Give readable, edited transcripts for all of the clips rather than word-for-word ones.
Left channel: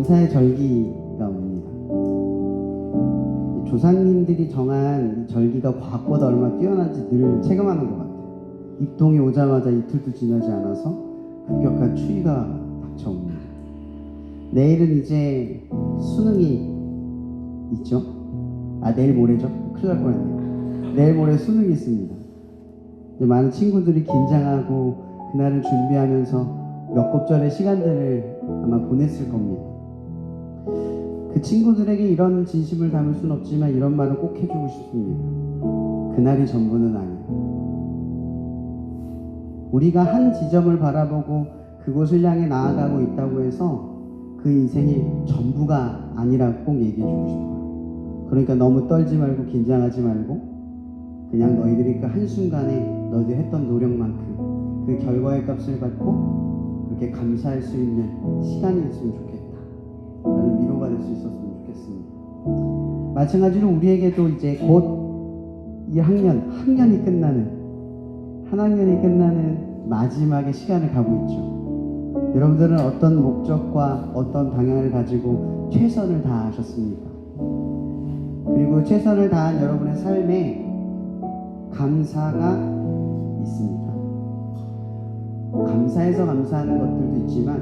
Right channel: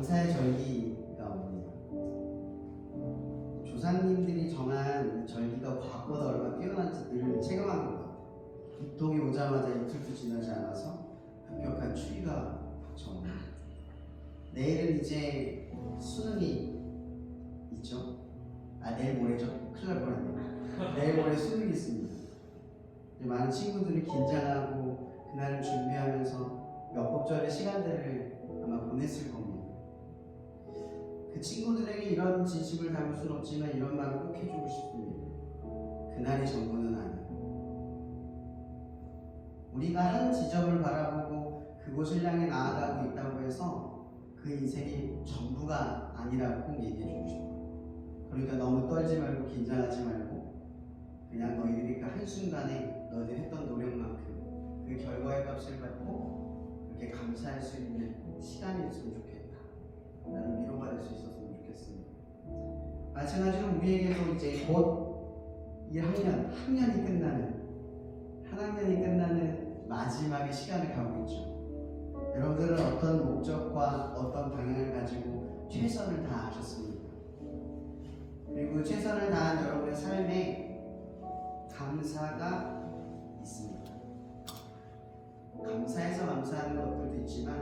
감사의 절기가 옵니다. 조상님들이 정한 이 절기가 과학보다 얼마나 뛰어난지 늘 체감하는 것 같아요. 입동이 오자마자 이틀도 지나지 않아서 급격한 추위가 닥쳐옵니다. 내일은 이제 수능이 있죠? 내일 모레죠? 큰일 날 뻔했네요. 내일 모레 수능이 있습니다. 이제 많은 친구들이 긴장하고 그날을 준비하면서 몇 곱절의 시간들을 아마 보냈을 겁니다. 그 친구들에게 이런 진심을 담을 수는 없지만 이런 말을 꼭 해주고 싶습니다. 그날이 전부는 아니에요. 우리가 한 지점을 바라보고 그곳을 향해 나아가고 있다고 해서 그 인생이 전부가 아니라고 꼭 얘기해주고 싶어요. 그러니까 너무 떨지 말고 긴장하지 말고 그냥 너희들이 그 한순간에 너희들이 했던 노력만큼 그 결과의 값을 받고 그렇게 감사할 수 있는 시간이 있으면 좋겠다 라는 위로가 될 수 있었으면 좋겠습니다. 마찬가지로 우리에게도 이제 곧 이 학년이 끝나는 한 학년이 끝나는 마지막의 시간을 가고 있죠. 여러분들은 어떤 목적과 어떤 방향을 가지고 최선을 다하셨습니까? 그리고 최선을 다한 여러분의 삶에 감사가 있습니다. 감사해서 감사하는 것들도 있지만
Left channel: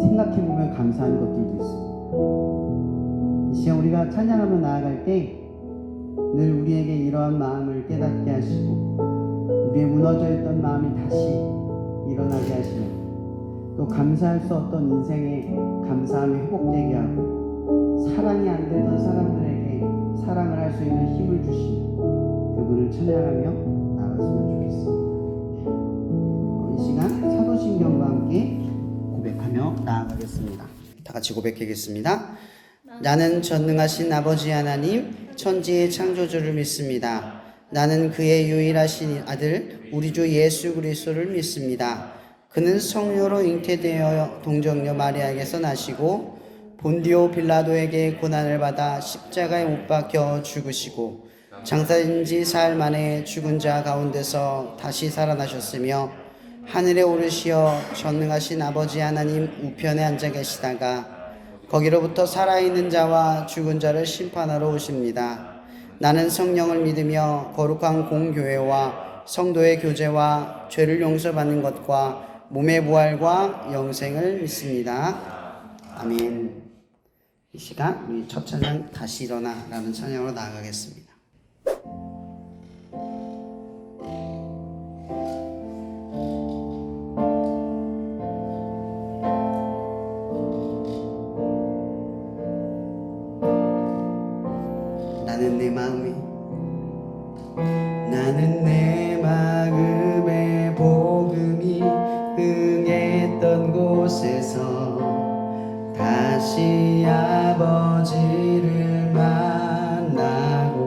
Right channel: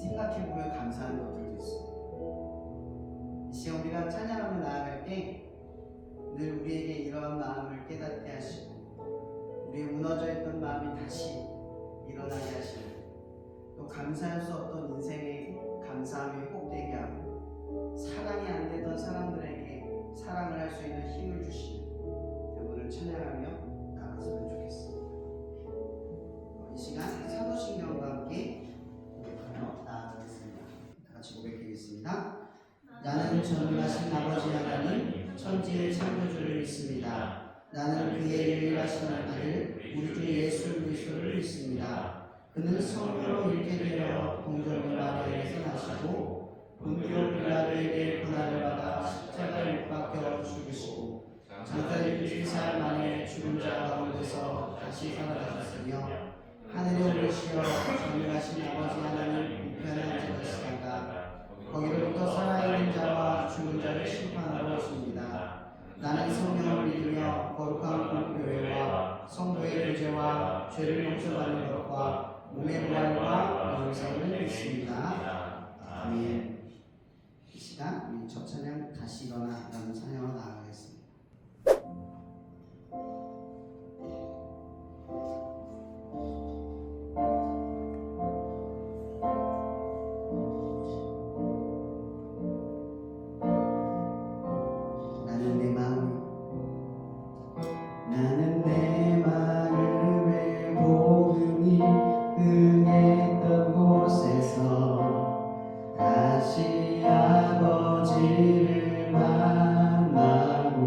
생각해보면 감사한 것들도 있습니다. 이 시간 우리가 찬양하며 나아갈 때 늘 우리에게 이러한 마음을 깨닫게 하시고 우리의 무너져 있던 마음이 다시 일어나게 하시고 또 감사할 수 없던 인생의 감사함이 회복되게 하고 사랑이 안 되던 사람들에게 사랑을 할 수 있는 힘을 주시는 그분을 찬양하며 나갔으면 좋겠습니다. 이 시간 사도신경과 함께 고백하며 나아가겠습니다. 다 같이 고백하겠습니다. 나는 전능하신 아버지 하나님 천지의 창조주를 믿습니다. 나는 그의 유일하신 아들 우리 주 예수 그리스도를 믿습니다. 그는 성령으로 잉태되어 동정녀 마리아에게서 나시고 본디오 빌라도에게 고난을 받아 십자가에 못 박혀 죽으시고 장사된 지 사흘 만에 죽은 자 가운데서 다시 살아나셨으며 하늘에 오르시어 전능하신 아버지 하나님 우편에 앉아 계시다가 거기로부터 살아있는 자와 죽은 자를 심판하러 오십니다. 나는 성령을 믿으며 거룩한 공교회와 성도의 교제와 죄를 용서받는 것과 몸의 부활과 영생을 믿습니다. 아멘. 이 시간 우리 첫 찬양 다시 일어나 라는 찬양으로 나아가겠습니다. 나는 내 마음의 복음이 흥했던 곳에서 다시 아버지를 만나고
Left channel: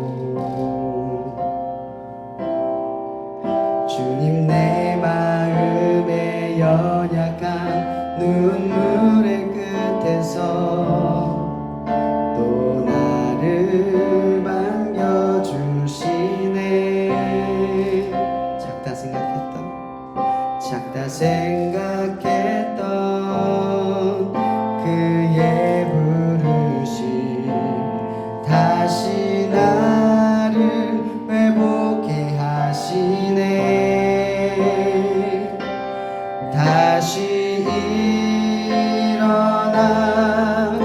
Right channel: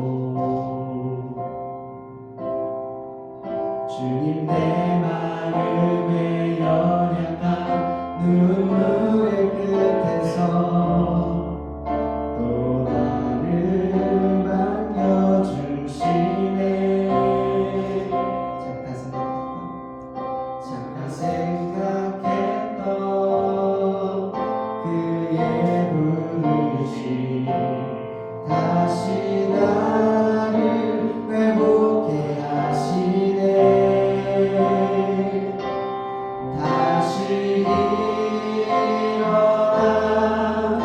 주님 내 마음의 연약한 눈물의 끝에서 또 나를 반겨주시네. 작다 생각했던 그의 부르심 다시 나를 회복해 하시네. 다시 일어나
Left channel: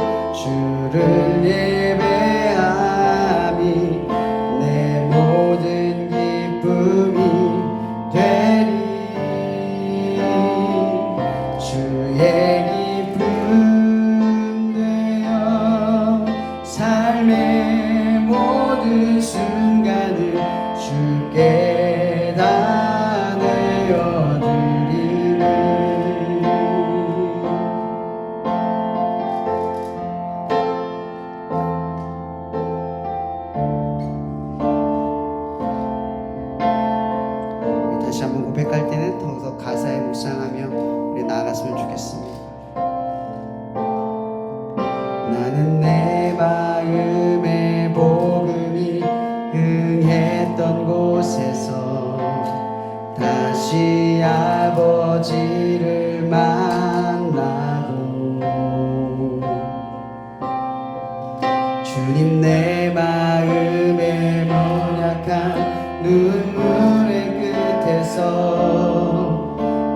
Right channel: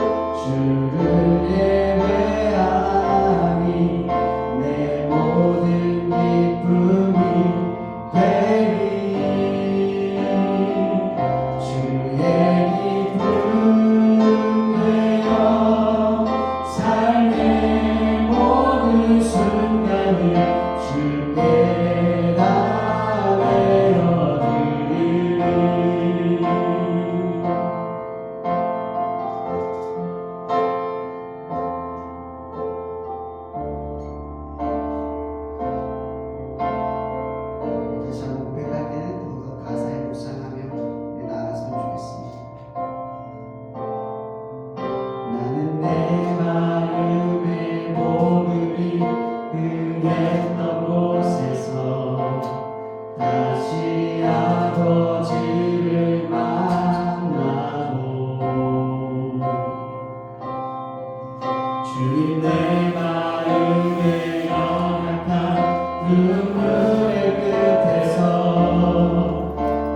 주님 내 마음에 연약한 눈물의 끝에서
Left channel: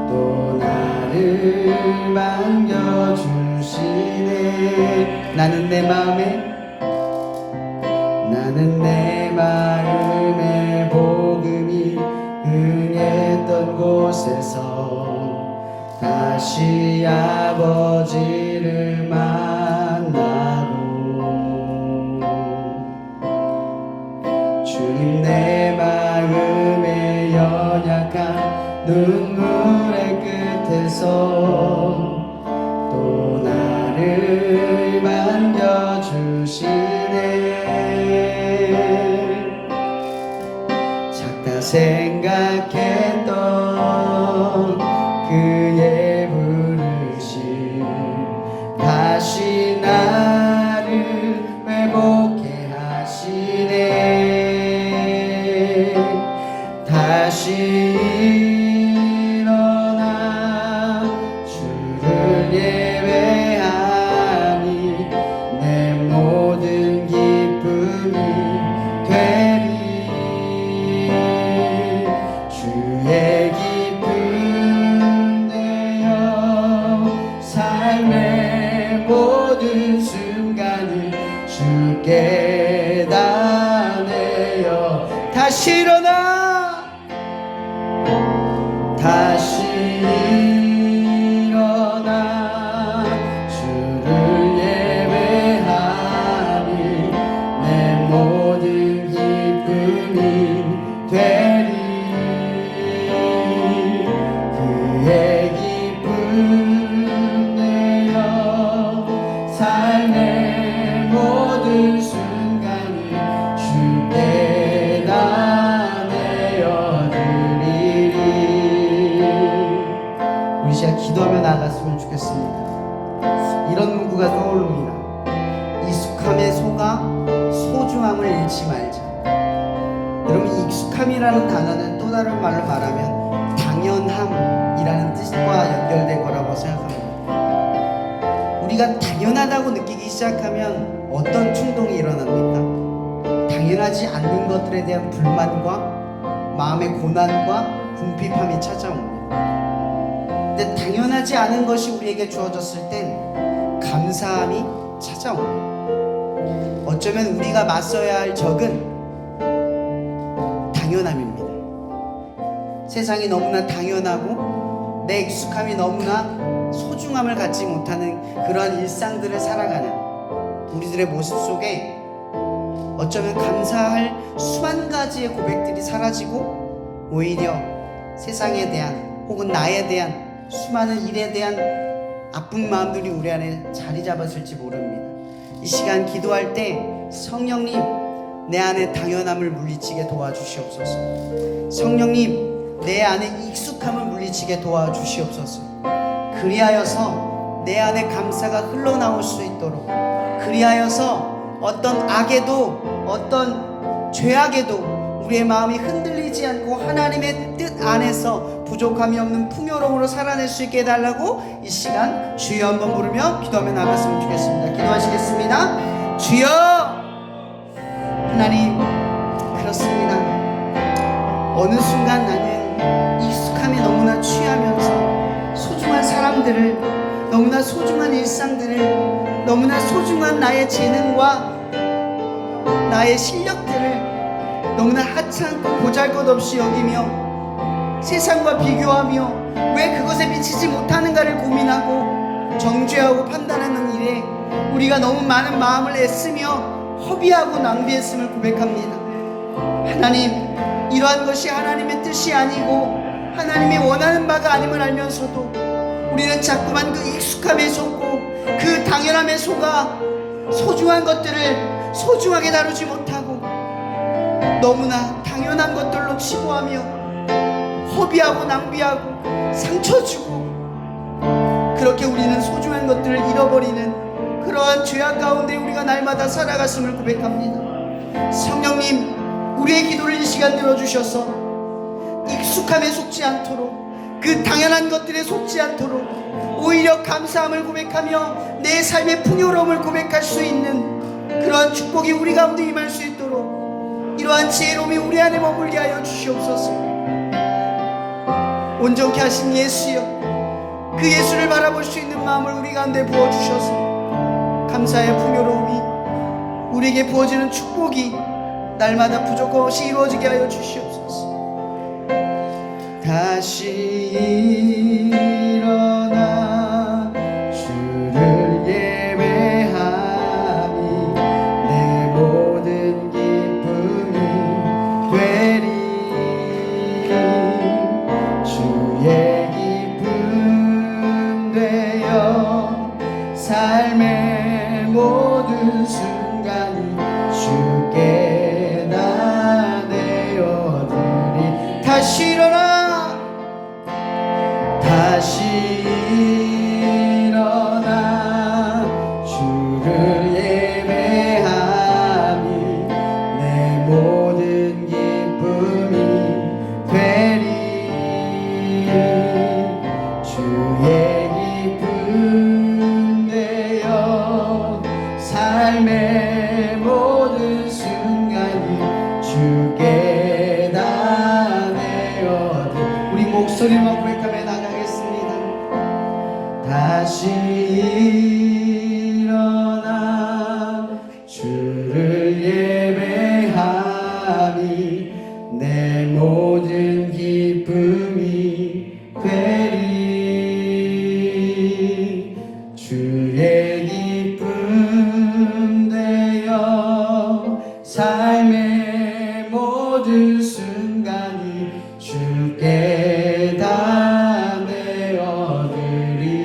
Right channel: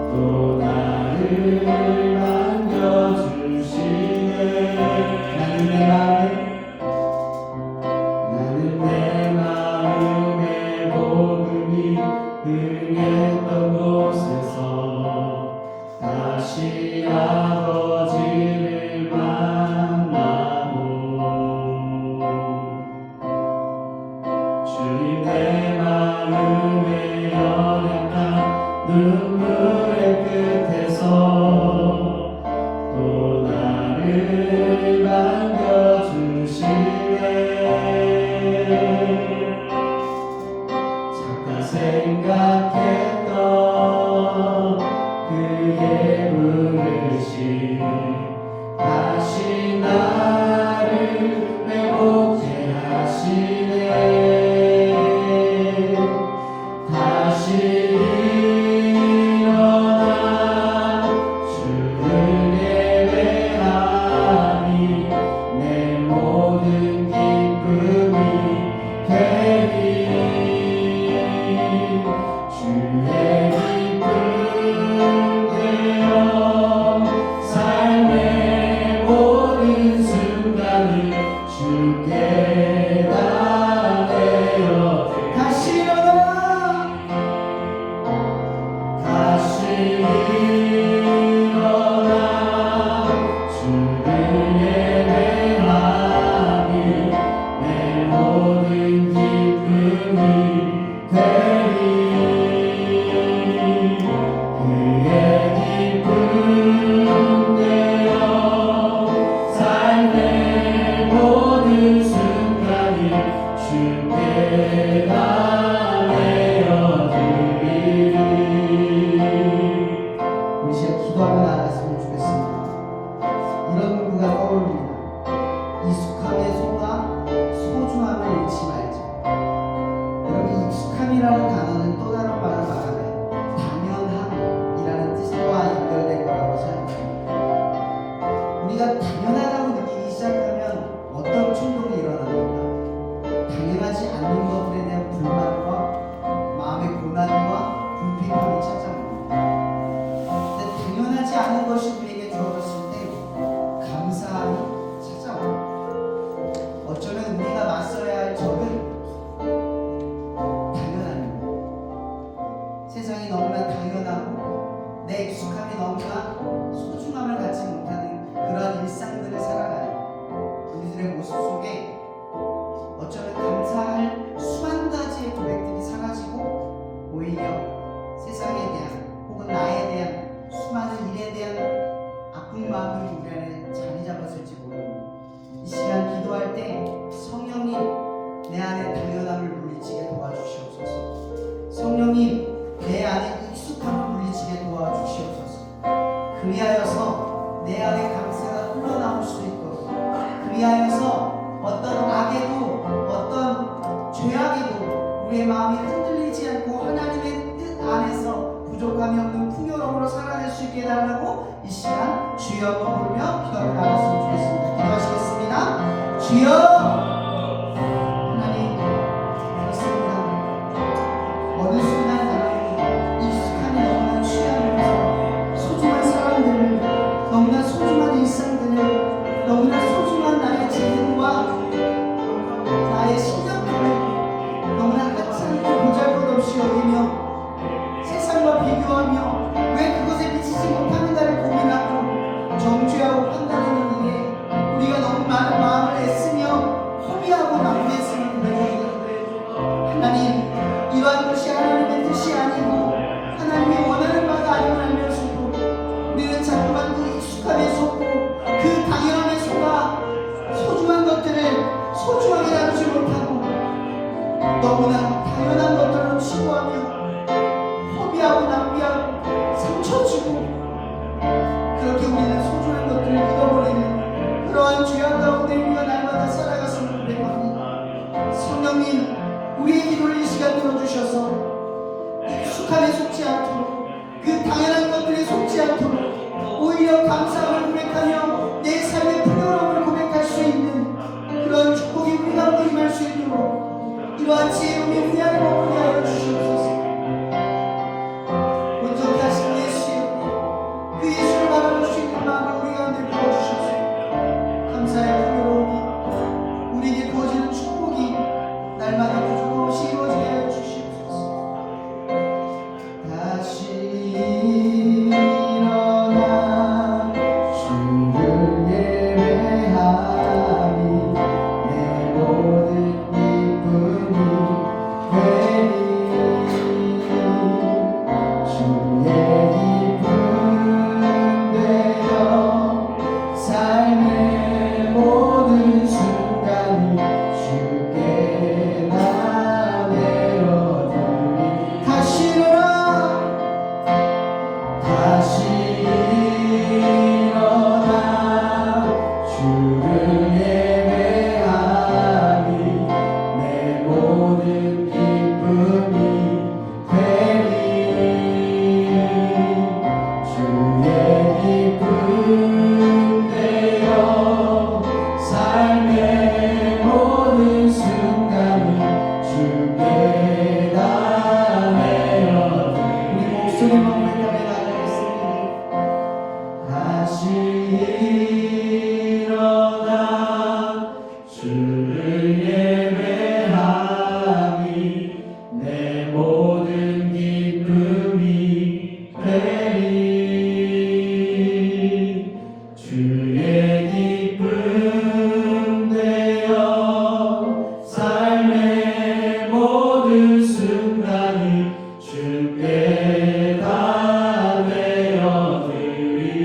또 나를 반겨주시네. 나는 내 마음에 복음이 흥했던 곳에서 다시 아버지를 만나고 주님 내 마음에 연약한 눈물의 끝에서 또 나를 반겨주시네. 잠깐 생각했던 그의 부르심 다시 나를 회복해 하시네. 다시 일어나 주를 예배하니 내 모든 기쁨이 되리. 주의 기쁨 되어 삶의 모든 순간을 주께 다 내어 다시 일어나 주를 예배하니 내 모든 기쁨이 되리. 그의 기쁨 되어 삶의 모든 순간을 주께 다 내어드리리. 우리 시간 기도하며 나아갔으면 좋겠습니다. 이런 문구가 떠오릅니다. 익숙함에 속아 소중함을 잃지 말자. 여러분, 이 익숙함이라는 단어는 또 다른 말로 말하면 당연함이라는 뜻과 연결된 거라고 생각합니다. 우리가 당연하다고 느끼기 시작하면 어떤 충동이 일어납니까? 당연하지 않는 것들에 대한 불만과 마음의 고난과 궁핍함이 찾아옵니다. 근데 당연하지 않은 것이 우리에게 주어졌을 땐 감사함이 찾아옵니다. 어쩌면 우리가 맞서야 할 적은 당연함입니다. 세상이 너무나 당연하고 내 익숙함이 너무나 소중함을 갖지 못하는 그런 일상들을 살아가는 우리들의 모습 속에 어쩌면 감사할 수만 가지의 고백들이 사라지고 오히려 세상에 대한 혹은 나에 대한 수많은 일에 대한 아픈 마음들이 우리 안에 자리 잡았을지 모릅니다. 이 시간 기도할 때 성령님 내 안에 당연함을 물리치게 도와주시옵소서. 성령님 내 안에 익숙함을 물리치게 도와주시옵소서. 그리하여서 내 안에 감사가 흘러나올 수 있도록, 그리하여서 어떤 악에도 어떤 죄악에도 우리의 마음이 흔들리지 않고 하나님의 뜻 안에서 부족함이 없는 풍요로움으로 살아낼 수 있게 해달라고 이 시간 주여 한번 부르며 기도하며 나갔으면 좋겠습니다. 기도하시겠습니다. 주여. 하나님, 그렇습니다. 어느 순간 나는 익숙함이 너무나 취하면서 소중한 사람들을, 너무나 소중한 일상들을, 너무나 소중한 나의 재능과 나의 실력들을 너무나 하찮고 보잘것없이 여기며 세상과 비교하며 왜 그것에 미치지 못하는가를 고민하고 정죄하고 판단하는 일에 우리가 너무 많은 마음을 애쓰며 허비하고 낭비했음을 고백합니다. 하나님, 이러한 것이 하나님의 뜻이 아니고 하나님이 원하는 바가 아님을 알면서도 우리는 자꾸만 그 익숙함에 속고 그 당연함에 속아 소중한 것들을 소중하게 다루지 못하고 너무나 당연한 것들로 치부하며 허비하고 낭비하고 상처 주고 그렇게 우리는 소중한 것들을 잃어버리는 그러한 죄악 가운데 우리가 날마다 살아갔음을 고백합니다. 성령님, 우리의 기도를 이 시간 들어주셔서 익숙함에 속지 않도록, 그 당연한 것들에 속지 않도록 오히려 감사함을 고백하며 내 삶의 풍요로움을 고백할 수 있는 그러한 축복이 우리 가운데 임할 수 있도록 이러한 지혜로움이 우리 안에 머물게 하여 주시옵소서. 온전케 하신 예수여, 그 예수를 바라볼 수 있는 마음을 우리 가운데 부어주셔서 감사의 풍요로움이 우리에게 부어지는 축복이 날마다 부족함 없이 이루어지게 하여 주시옵소서. 다시 일어나 주를 예배하니 내 모든 기쁨이 되리. 주의 기쁨 되어 삶의 모든 순간이 주께 다 내어드리. 다시 일어나, 다시 일어나 주를 예배하니 내 모든 기쁨이 되리. 주의 기쁨 되어 삶의 모든 순간이 주께 다 내어드. 우리 목소리만 고백하며 나가겠습니다. 다시 일어나 주를 예배하니 내 모든 기쁨이 되리. 주의 기쁨 되어 삶의 모든 순간이 주께 다 내어드리리.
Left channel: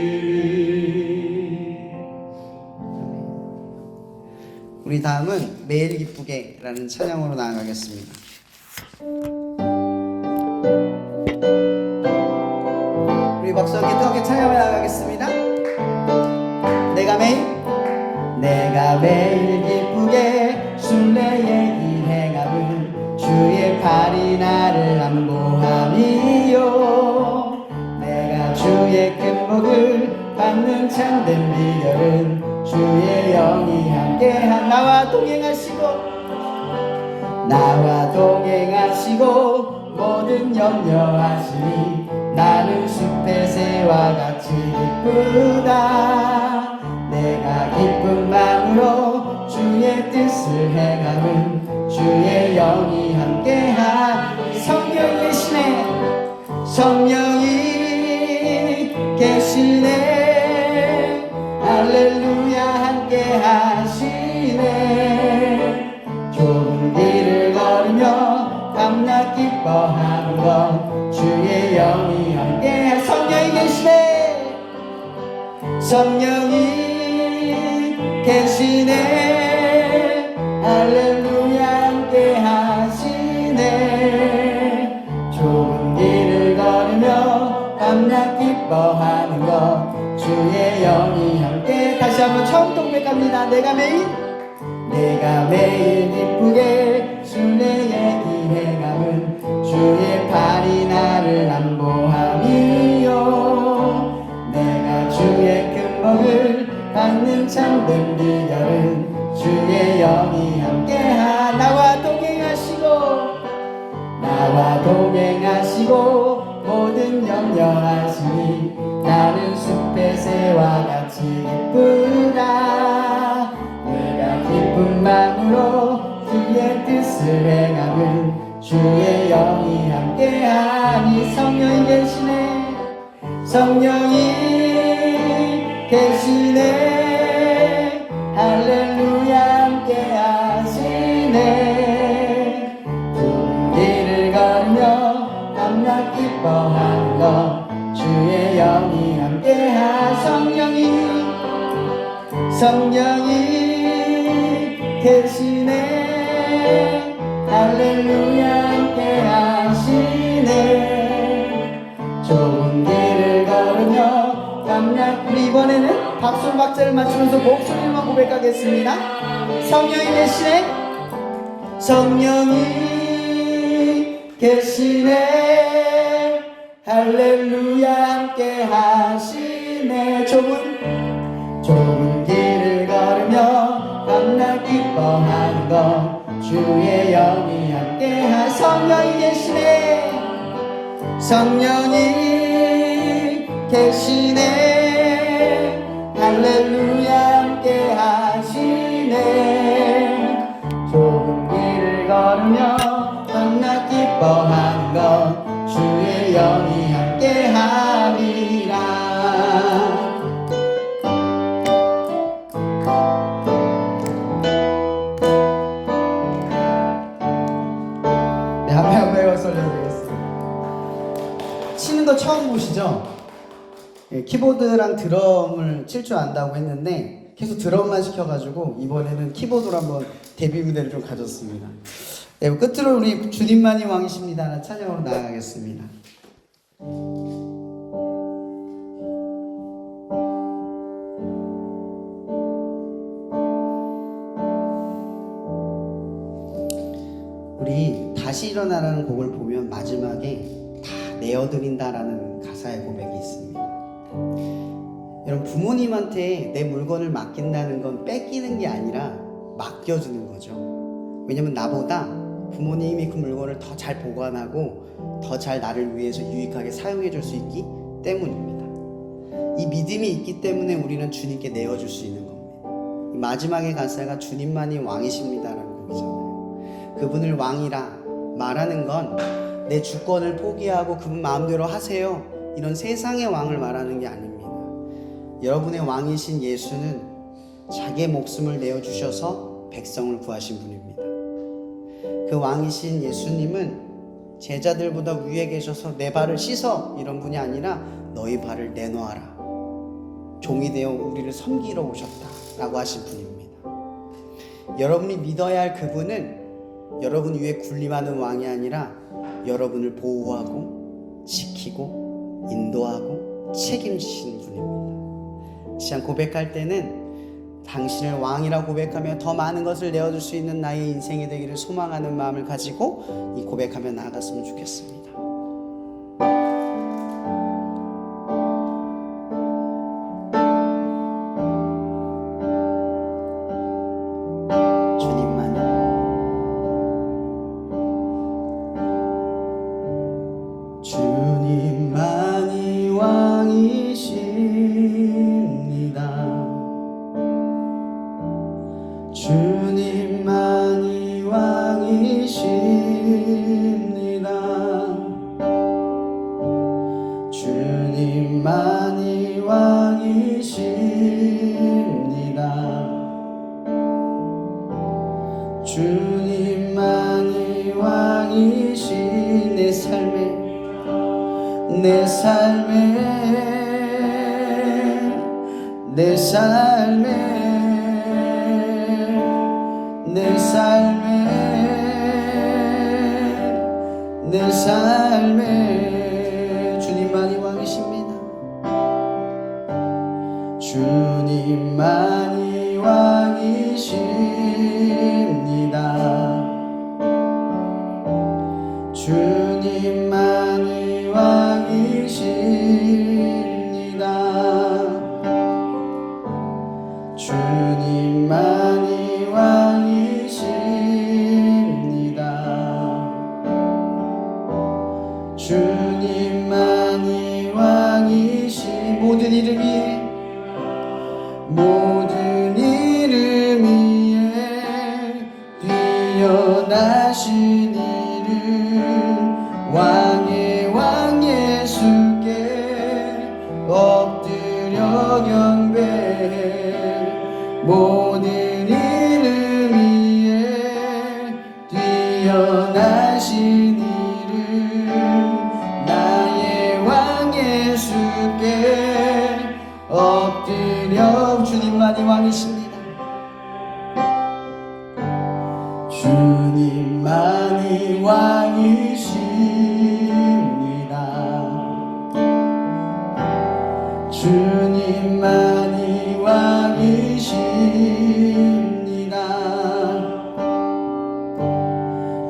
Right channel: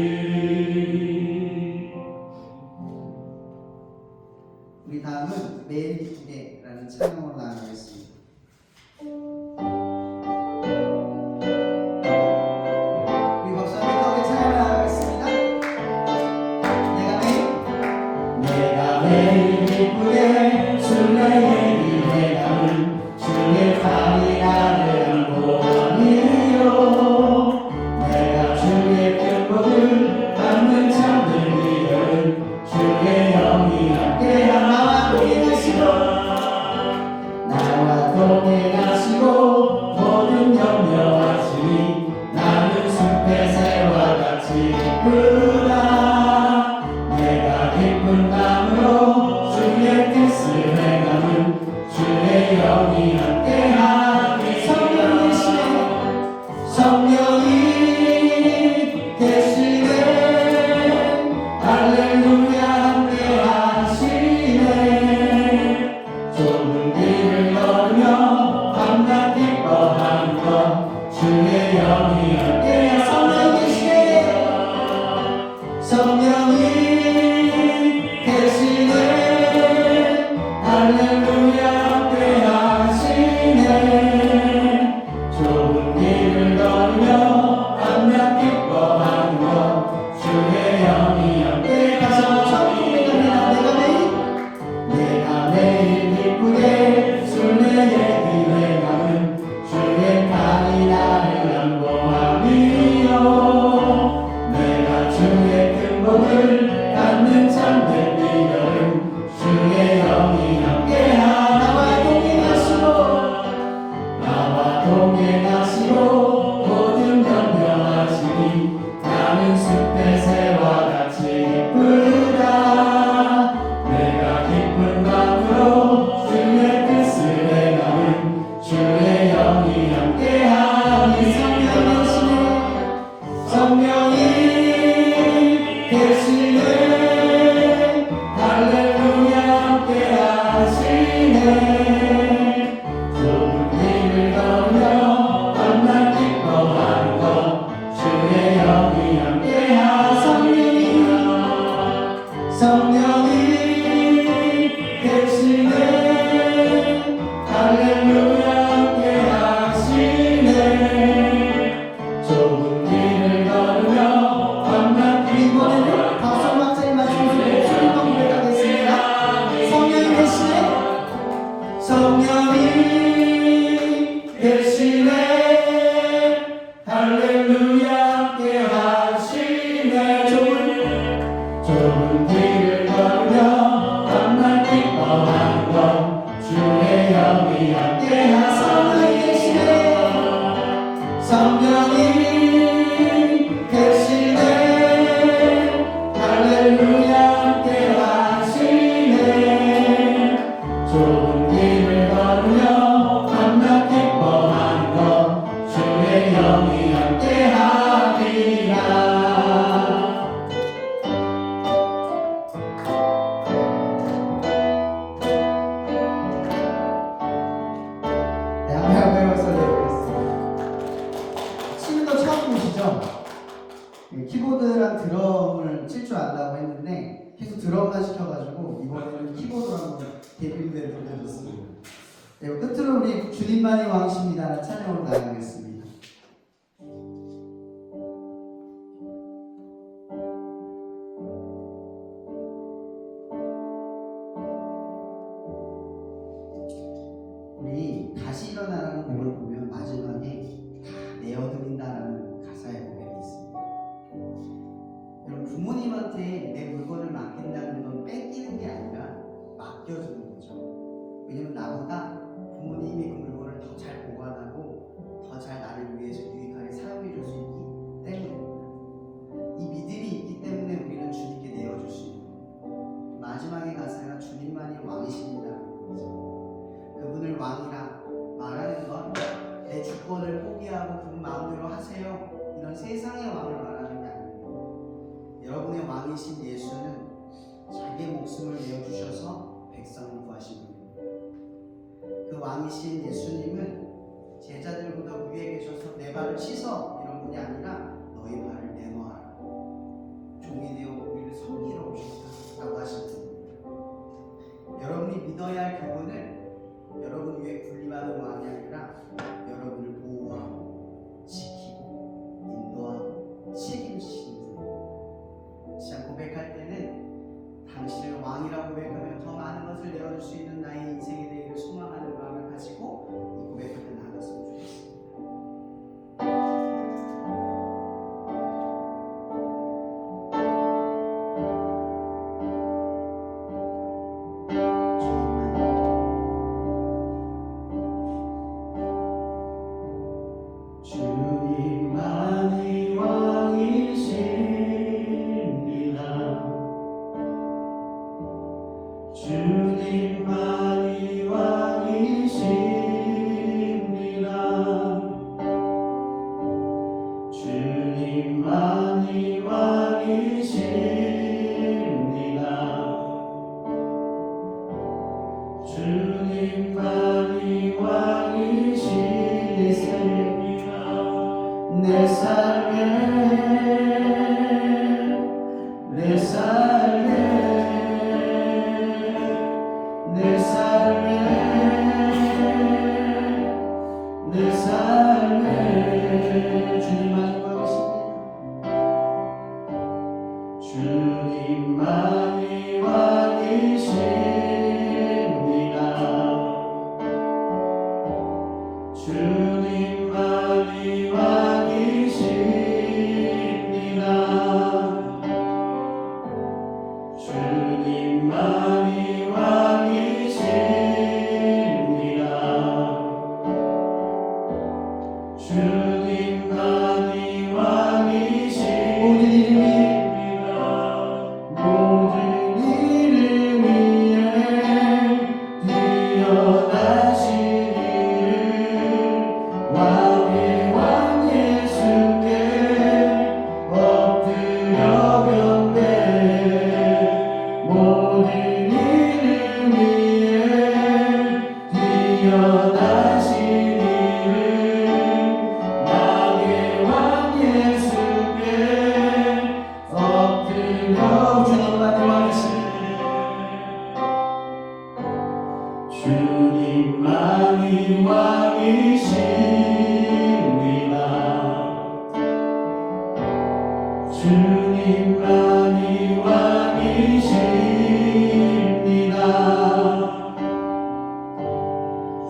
우리 다음은 매일 기쁘게 라는 찬양으로 나아가겠습니다. 우리 박수 함께 뜨겁게 찬양을 나아가겠습니다. 내가 매일 기쁘게 순례의 길 해가는 주의 팔이 나를 안보하니요. 내가 주의 큰 복을 받는 참된 비결은 주의 영이 함께한 나와 동행하시고 모든 염려하시니 나는 숲의 새와 같이 기쁘다. 내가 기쁜 마음으로 주의 뜻을 행하는 주의 영이 함께하니. 성령 계시네, 성령이 계시네, 할렐루야 함께하시네. 좁은 길을 걸으며 밤낮 기뻐하는 것 주의 영이 함께하. 성령이 계시네, 성령이 계시네, 할렐루야 함께하시네. 좁은 길을 걸으며 밤낮 기뻐하는 것 주의 영이 함께. 다시 한번 처음 고백합니다. 내가 매일 기쁘게 순례의 길에 가면 주의 팔이 나를 안보하니요. 내가 주의 큰 복을 받는 참된 비결은 주의 영이 함께하. 나와 동행하시고 모든 염려하시니 나는 숲의 새와 같이 기쁘다. 내가 기쁜 마음으로 주의 뜻을 행하는 주의 영이 함께하니. 성령이 계시네, 성령이 계시네, 할렐루야 함께하시네. 좁은 길을 걸으며 밤낮 기뻐하는 것 주의 영이 함께하. 성령이 계시네, 할렐루야 함께하시네. 좁은 길을 걸으며 밤낮. 이번에는 박수 박자를 맞추면서 목소리만 고백하겠습니다. 성령이 계시네, 성령이 계시네, 할렐루야 함께하시네. 좁은 길을 걸으며 밤낮 기뻐하는 키보드랑 드럼을 칠 줄 안다고 했는데 계속 드럼만 시켜가지고 이번에는 키보드로 한번 데뷔 무대를 좀 가졌습니다. 네, 끝으로 우리 주님만이 왕이십니다라는 찬양으로 나아가겠습니다. 우리 다시 일어나라는 곡을 보면 마지막에 다 내어드린다라는 가사의 고백이 있습니다. 여러분, 부모님한테 내 물건을 맡긴다는 건 뺏기는 게 아니라 맡겨주는 거죠. 왜냐면 나보다 부모님이 그 물건을 더 잘 보관하고 더 잘 나를 위해서 유익하게 사용해 줄 수 있기 때문입니다. 이 믿음이 있기 때문에 우리는 주님께 내어줄 수 있는 겁니다. 이 마지막의 가사가 주님만이 왕이십니다라는 곡이잖아요. 그분을 왕이라 말하는 건 내 주권을 포기하고 그분 마음대로 하세요, 이런 세상의 왕을 말하는 게 아닙니다. 여러분의 왕이신 예수는 자기의 목숨을 내어주셔서 백성을 구하신 분입니다. 그 왕이신 예수님은 제자들보다 위에 계셔서 내 발을 씻어 이런 분이 아니라 너희 발을 내놓아라, 종이 되어 우리를 섬기러 오셨다 라고 하신 분입니다. 여러분이 믿어야 할 그분은 여러분 위에 군림하는 왕이 아니라 여러분을 보호하고 지키고 인도하고 책임지시는 분입니다. 시간 고백할 때는 당신을 왕이라 고백하며 더 많은 것을 내어줄 수 있는 나의 인생이 되기를 소망하는 마음을 가지고 이 고백하며 나아갔으면 좋겠습니다. 주님만이 왕이십니다. 주님만이 왕이십니다. 주님만이 왕이십니다. 주님만이 왕이신 내 삶에 내 삶에 내 삶에 내 삶에 내 삶에 주님만이 왕이십니다. 주님만이 왕이십니다. 주님만이 왕이십니다. 주님만이 왕이십니다. 주님만이 왕이신 모든 이름 위에 모든 이름 위에 뛰어나신 왕의 왕 예수께 엎드려 경배해 모든 이름 위에 뛰어나신 이름 나의 왕 예수께 엎드려 주님만이 왕이십니다. 주님만이 왕이십니다. 주님만이 왕이십니다.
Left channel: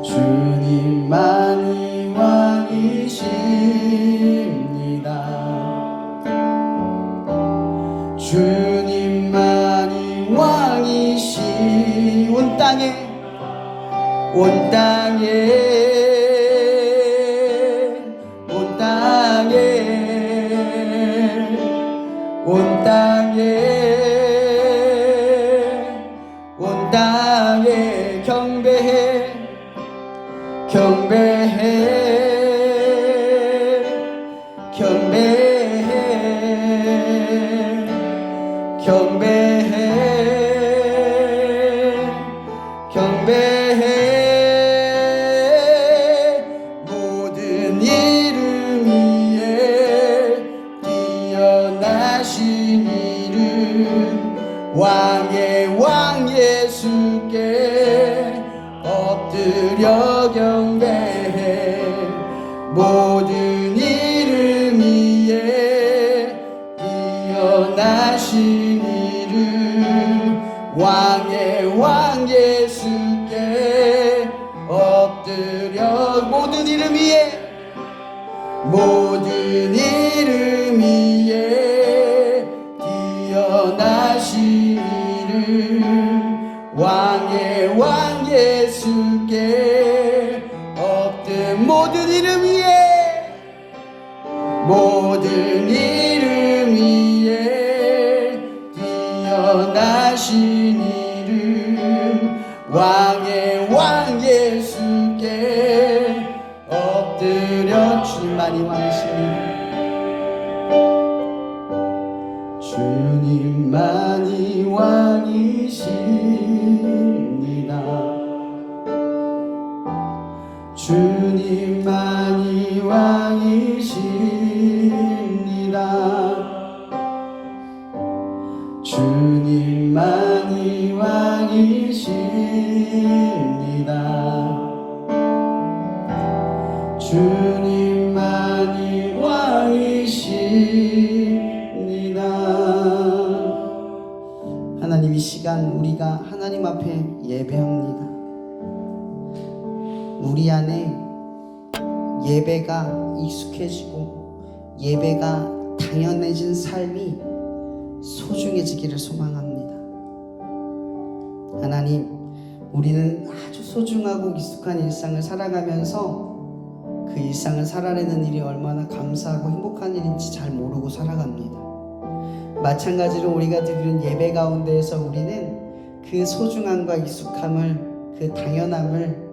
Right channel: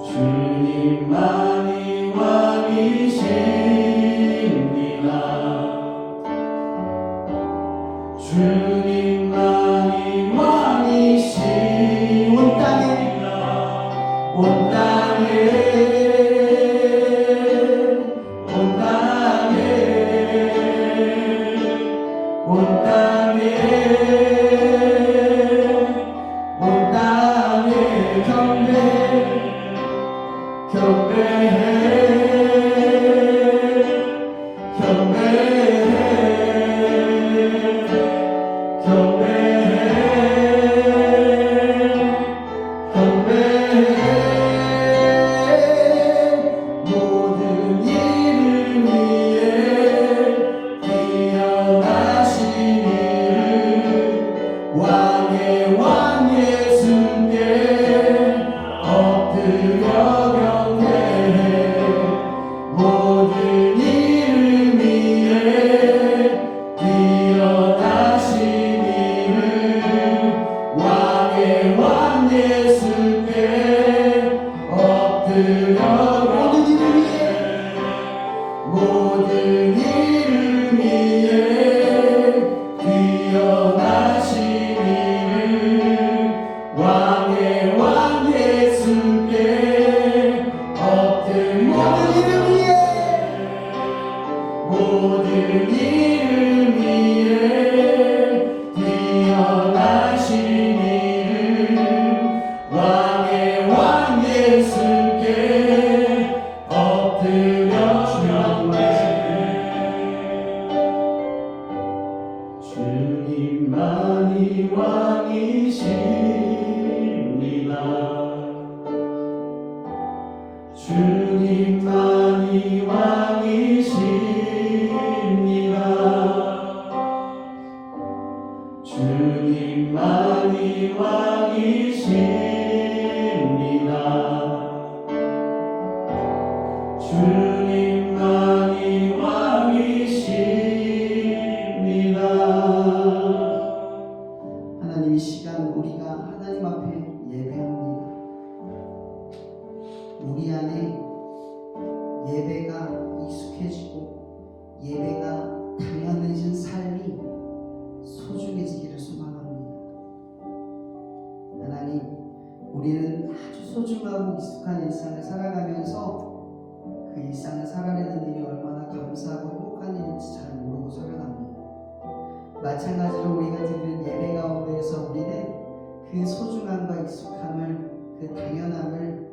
주님만이 왕이십니다. 주님만이 왕이시 온 땅에 온 땅에 온 땅에 온 땅에 온 땅에 경배해 경배해 경배해 경배해 경배해 왕 예수께 엎드려 경배해. 모든 이름 위에 뛰어나신 이름 왕의 왕 예수께 엎드려. 모든 이름 위에 모든 이름 위에 뛰어나신 이름 왕의 왕 예수께 엎드. 모든 이름 위에 모든 이름 위에 뛰어나신 이름 왕의 왕 예수께 엎드려. 주님만이 왕이십니다. 주님만이 왕이십니다. 주님만이 왕이십니다. 주님만이 왕이십니다. 주님만이 왕이십니다. 하나님, 이 시간 우리가 하나님 앞에 예배합니다. 우리 안에 예배가 익숙해지고 예배가 당연해진 삶이 소중해지기를 소망합니다. 하나님, 우리는 아주 소중하고 익숙한 일상을 살아가면서 그 일상을 살아내는 일이 얼마나 감사하고 행복한 일인지 잘 모르고 살아갑니다. 마찬가지로 우리가 드리는 예배 가운데에서 우리는 그 소중함과 익숙함을, 그 당연함을,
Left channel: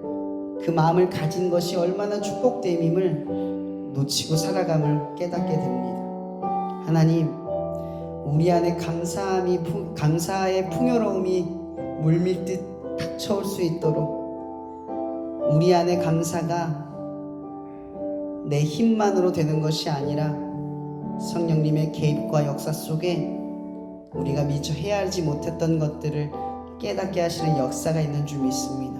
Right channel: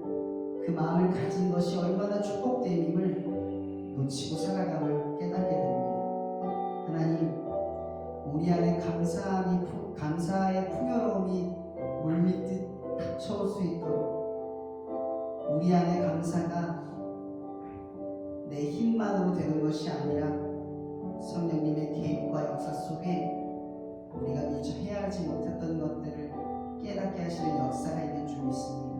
그 마음을 가진 것이 얼마나 축복됨임을 놓치고 살아감을 깨닫게 됩니다. 하나님, 우리 안에 감사의 풍요로움이 물밀듯 닥쳐올 수 있도록, 우리 안에 감사가 내 힘만으로 되는 것이 아니라 성령님의 개입과 역사 속에 우리가 미처 헤아리지 못했던 것들을 깨닫게 하시는 역사가 있는 줄 믿습니다.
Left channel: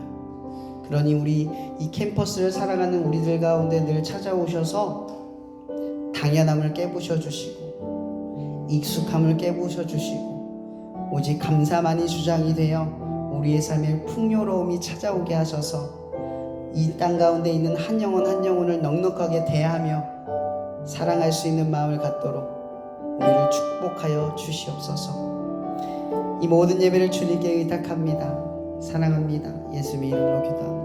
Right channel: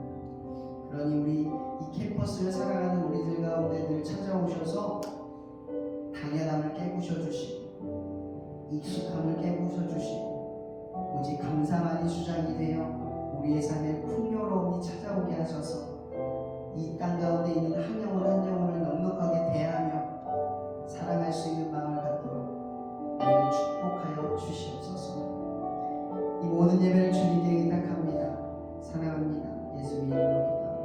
그러니 우리 이 캠퍼스를 살아가는 우리들 가운데 늘 찾아오셔서 당연함을 깨부셔 주시고 익숙함을 깨부셔 주시고 오직 감사만이 주장이 되어 우리의 삶에 풍요로움이 찾아오게 하셔서 이 땅 가운데 있는 한 영혼 한 영혼을 넉넉하게 대하며 사랑할 수 있는 마음을 갖도록 우리를 축복하여 주시옵소서. 이 모든 예배를 주님께 의탁합니다. 사랑합니다. 예수님의 이름으로 기도합니다.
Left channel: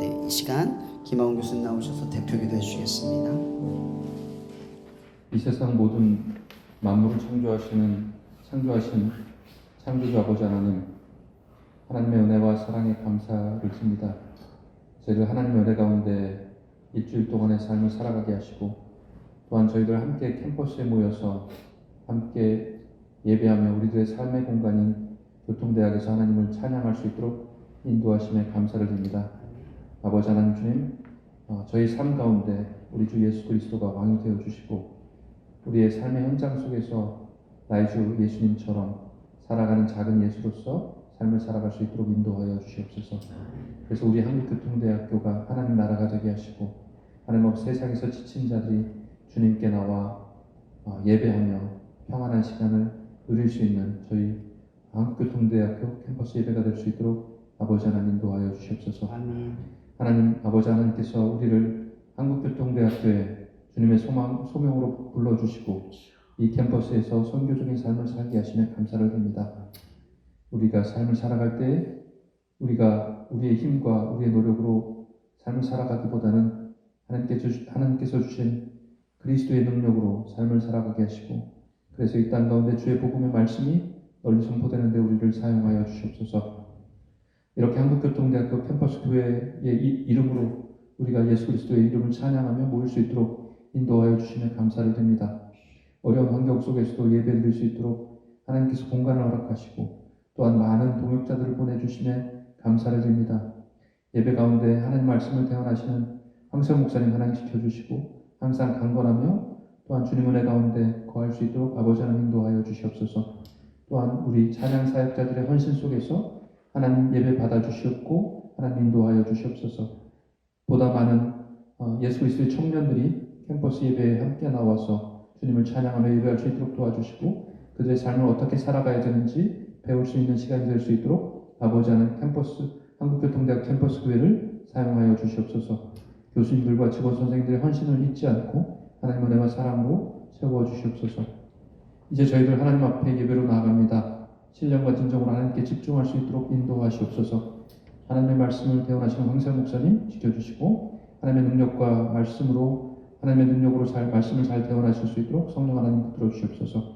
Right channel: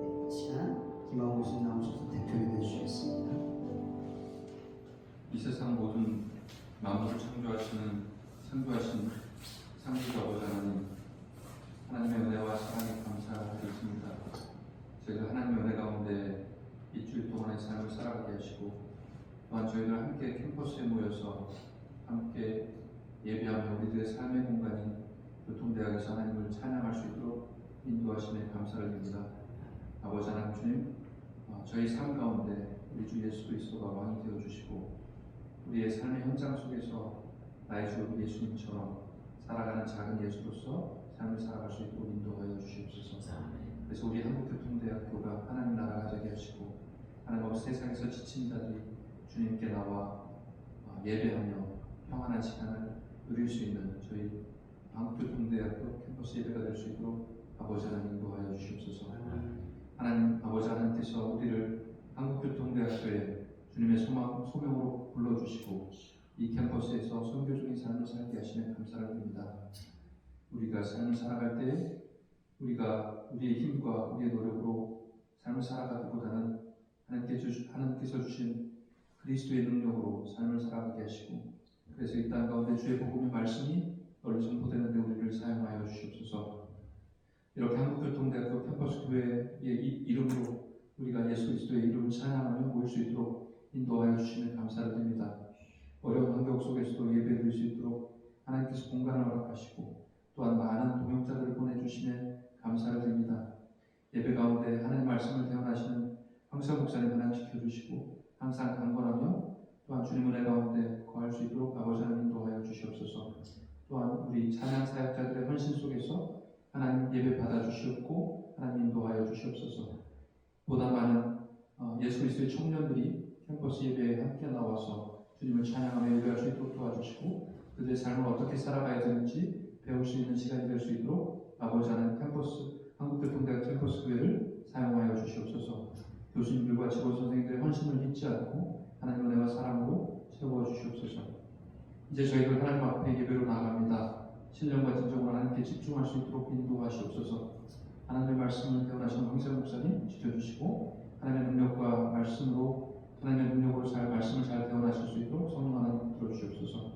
네, 이 시간 김하훈 교수님 나오셔서 대표 기도해 주시겠습니다. 이 세상 모든 만물을 창조하신 창조주 아버지 하나님, 하나님의 은혜와 사랑에 감사를 드립니다. 저희들 하나님의 은혜 가운데 일주일 동안의 삶을 살아가게 하시고, 또한 저희들 함께 캠퍼스에 모여서 함께 예배하며 우리들의 삶의 공간인 교통대학에서 하나님을 찬양할 수 있도록 인도하심에 감사를 드립니다. 아버지 하나님 주님, 저희 삶 가운데 우리 주 예수 그리스도가 왕이 되어 주시고, 우리의 삶의 현장 속에서 나의 주 예수님처럼 살아가는 작은 예수로서 삶을 살아갈 수 있도록 인도하여 주시옵소서. 그래서 우리 한국교통대학교가 하나님 나라가 되게 하시고, 하나님 세상에서 지친 자들이 주님께 나와 예배하며 평안한 시간을 누릴 수 있는 저희 한국교통대학교 캠퍼스 예배가 될 수 있도록 아버지 하나님 인도하여 주시옵소서. 하나님 아버지 하나님께서 우리를 한국교통대학교에 주님의 소명으로 불러주시고 이 캠퍼스에서 선교적인 삶을 살게 하시며 감사를 드립니다. 우리가 삶을 살아갈 때 우리가 우리의 힘과 우리의 노력으로 삶을 살아가기보다는 하나님께서 주신 그리스도의 능력으로 삶을 살아가게 하시고, 그래서 이 땅 가운데 주의 복음의 말씀이 널리 선포되는 데 우리를 사용하여 주시옵소서. 이렇게 한국교통대학교 캠퍼스 교회의 이름으로 우리가 예수 그리스도의 이름을 찬양하며 모일 수 있도록 인도하여 주시며 감사를 드립니다. 어려운 환경 속에서도 예배 드릴 수 있도록 하나님께서 공간을 허락하시고, 또한 많은 동역자들을 보내주시며 감사를 드립니다. 예배 가운데 하나님 말씀을 대언하시는 황세영 목사님 하나님 지켜주시고, 항상 강건하며 또 또한 주님 은혜 가운데 거할 수 있도록 아버지 하나님 인도하여 주시옵소서. 또한 우리 찬양 사역자들의 헌신 속에서 하나님 예배 받아주시옵고 하나님 인도하여 주시옵소서. 보다 많은 예수 그리스도의 청년들이 캠퍼스 예배에 함께 나와서 주님을 찬양하며 예배할 수 있도록 도와주시고 그들의 삶을 어떻게 살아가야 되는지 배울 수 있는 시간이 될 수 있도록 아버지 하나님 한국교통대학 캠퍼스 교회를 사용하여 주시옵소서. 교수님들과 직원 선생님들의 헌신을 잊지 않고 하나님 은혜와 사랑으로 세워 주시옵소서. 이제 저희들 하나님 앞에 예배로 나아갑니다. 신령과 진정으로 하나님께 집중할 수 있도록 인도하시옵소서. 하나님의 말씀을 대언하시는 황세현 목사님 지켜주시고 하나님의 능력과 말씀으로 하나님의 능력으로 말씀을 잘 대언하실 수 있도록 성령 하나님 붙들어 주시옵소서.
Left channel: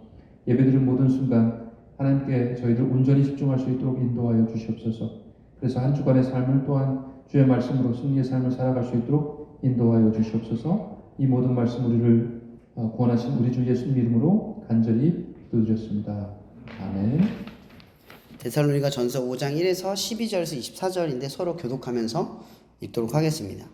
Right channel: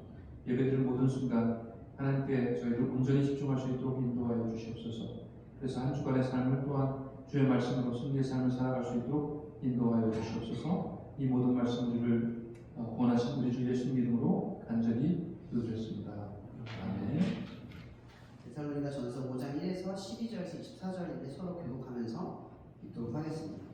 예배드릴 모든 순간 하나님께 저희들 온전히 집중할 수 있도록 인도하여 주시옵소서. 그래서 한 주간의 삶을 또한 주의 말씀으로 승리의 삶을 살아갈 수 있도록 인도하여 주시옵소서. 이 모든 말씀 우리를 구원하신 우리 주 예수님 이름으로 간절히 기도드렸습니다. 아멘. 데살로니가 전서 5장 1에서 12절에서 24절인데 서로 교독하면서 읽도록 하겠습니다.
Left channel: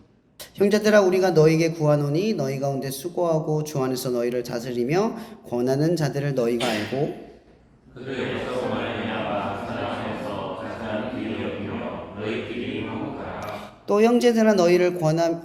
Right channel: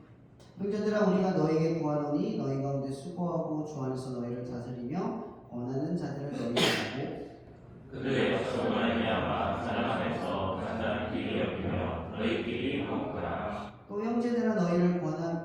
형제들아 우리가 너희에게 구하노니 너희 가운데 수고하고 주 안에서 너희를 다스리며 권하는 자들을 너희가 알고 또 형제들아 너희를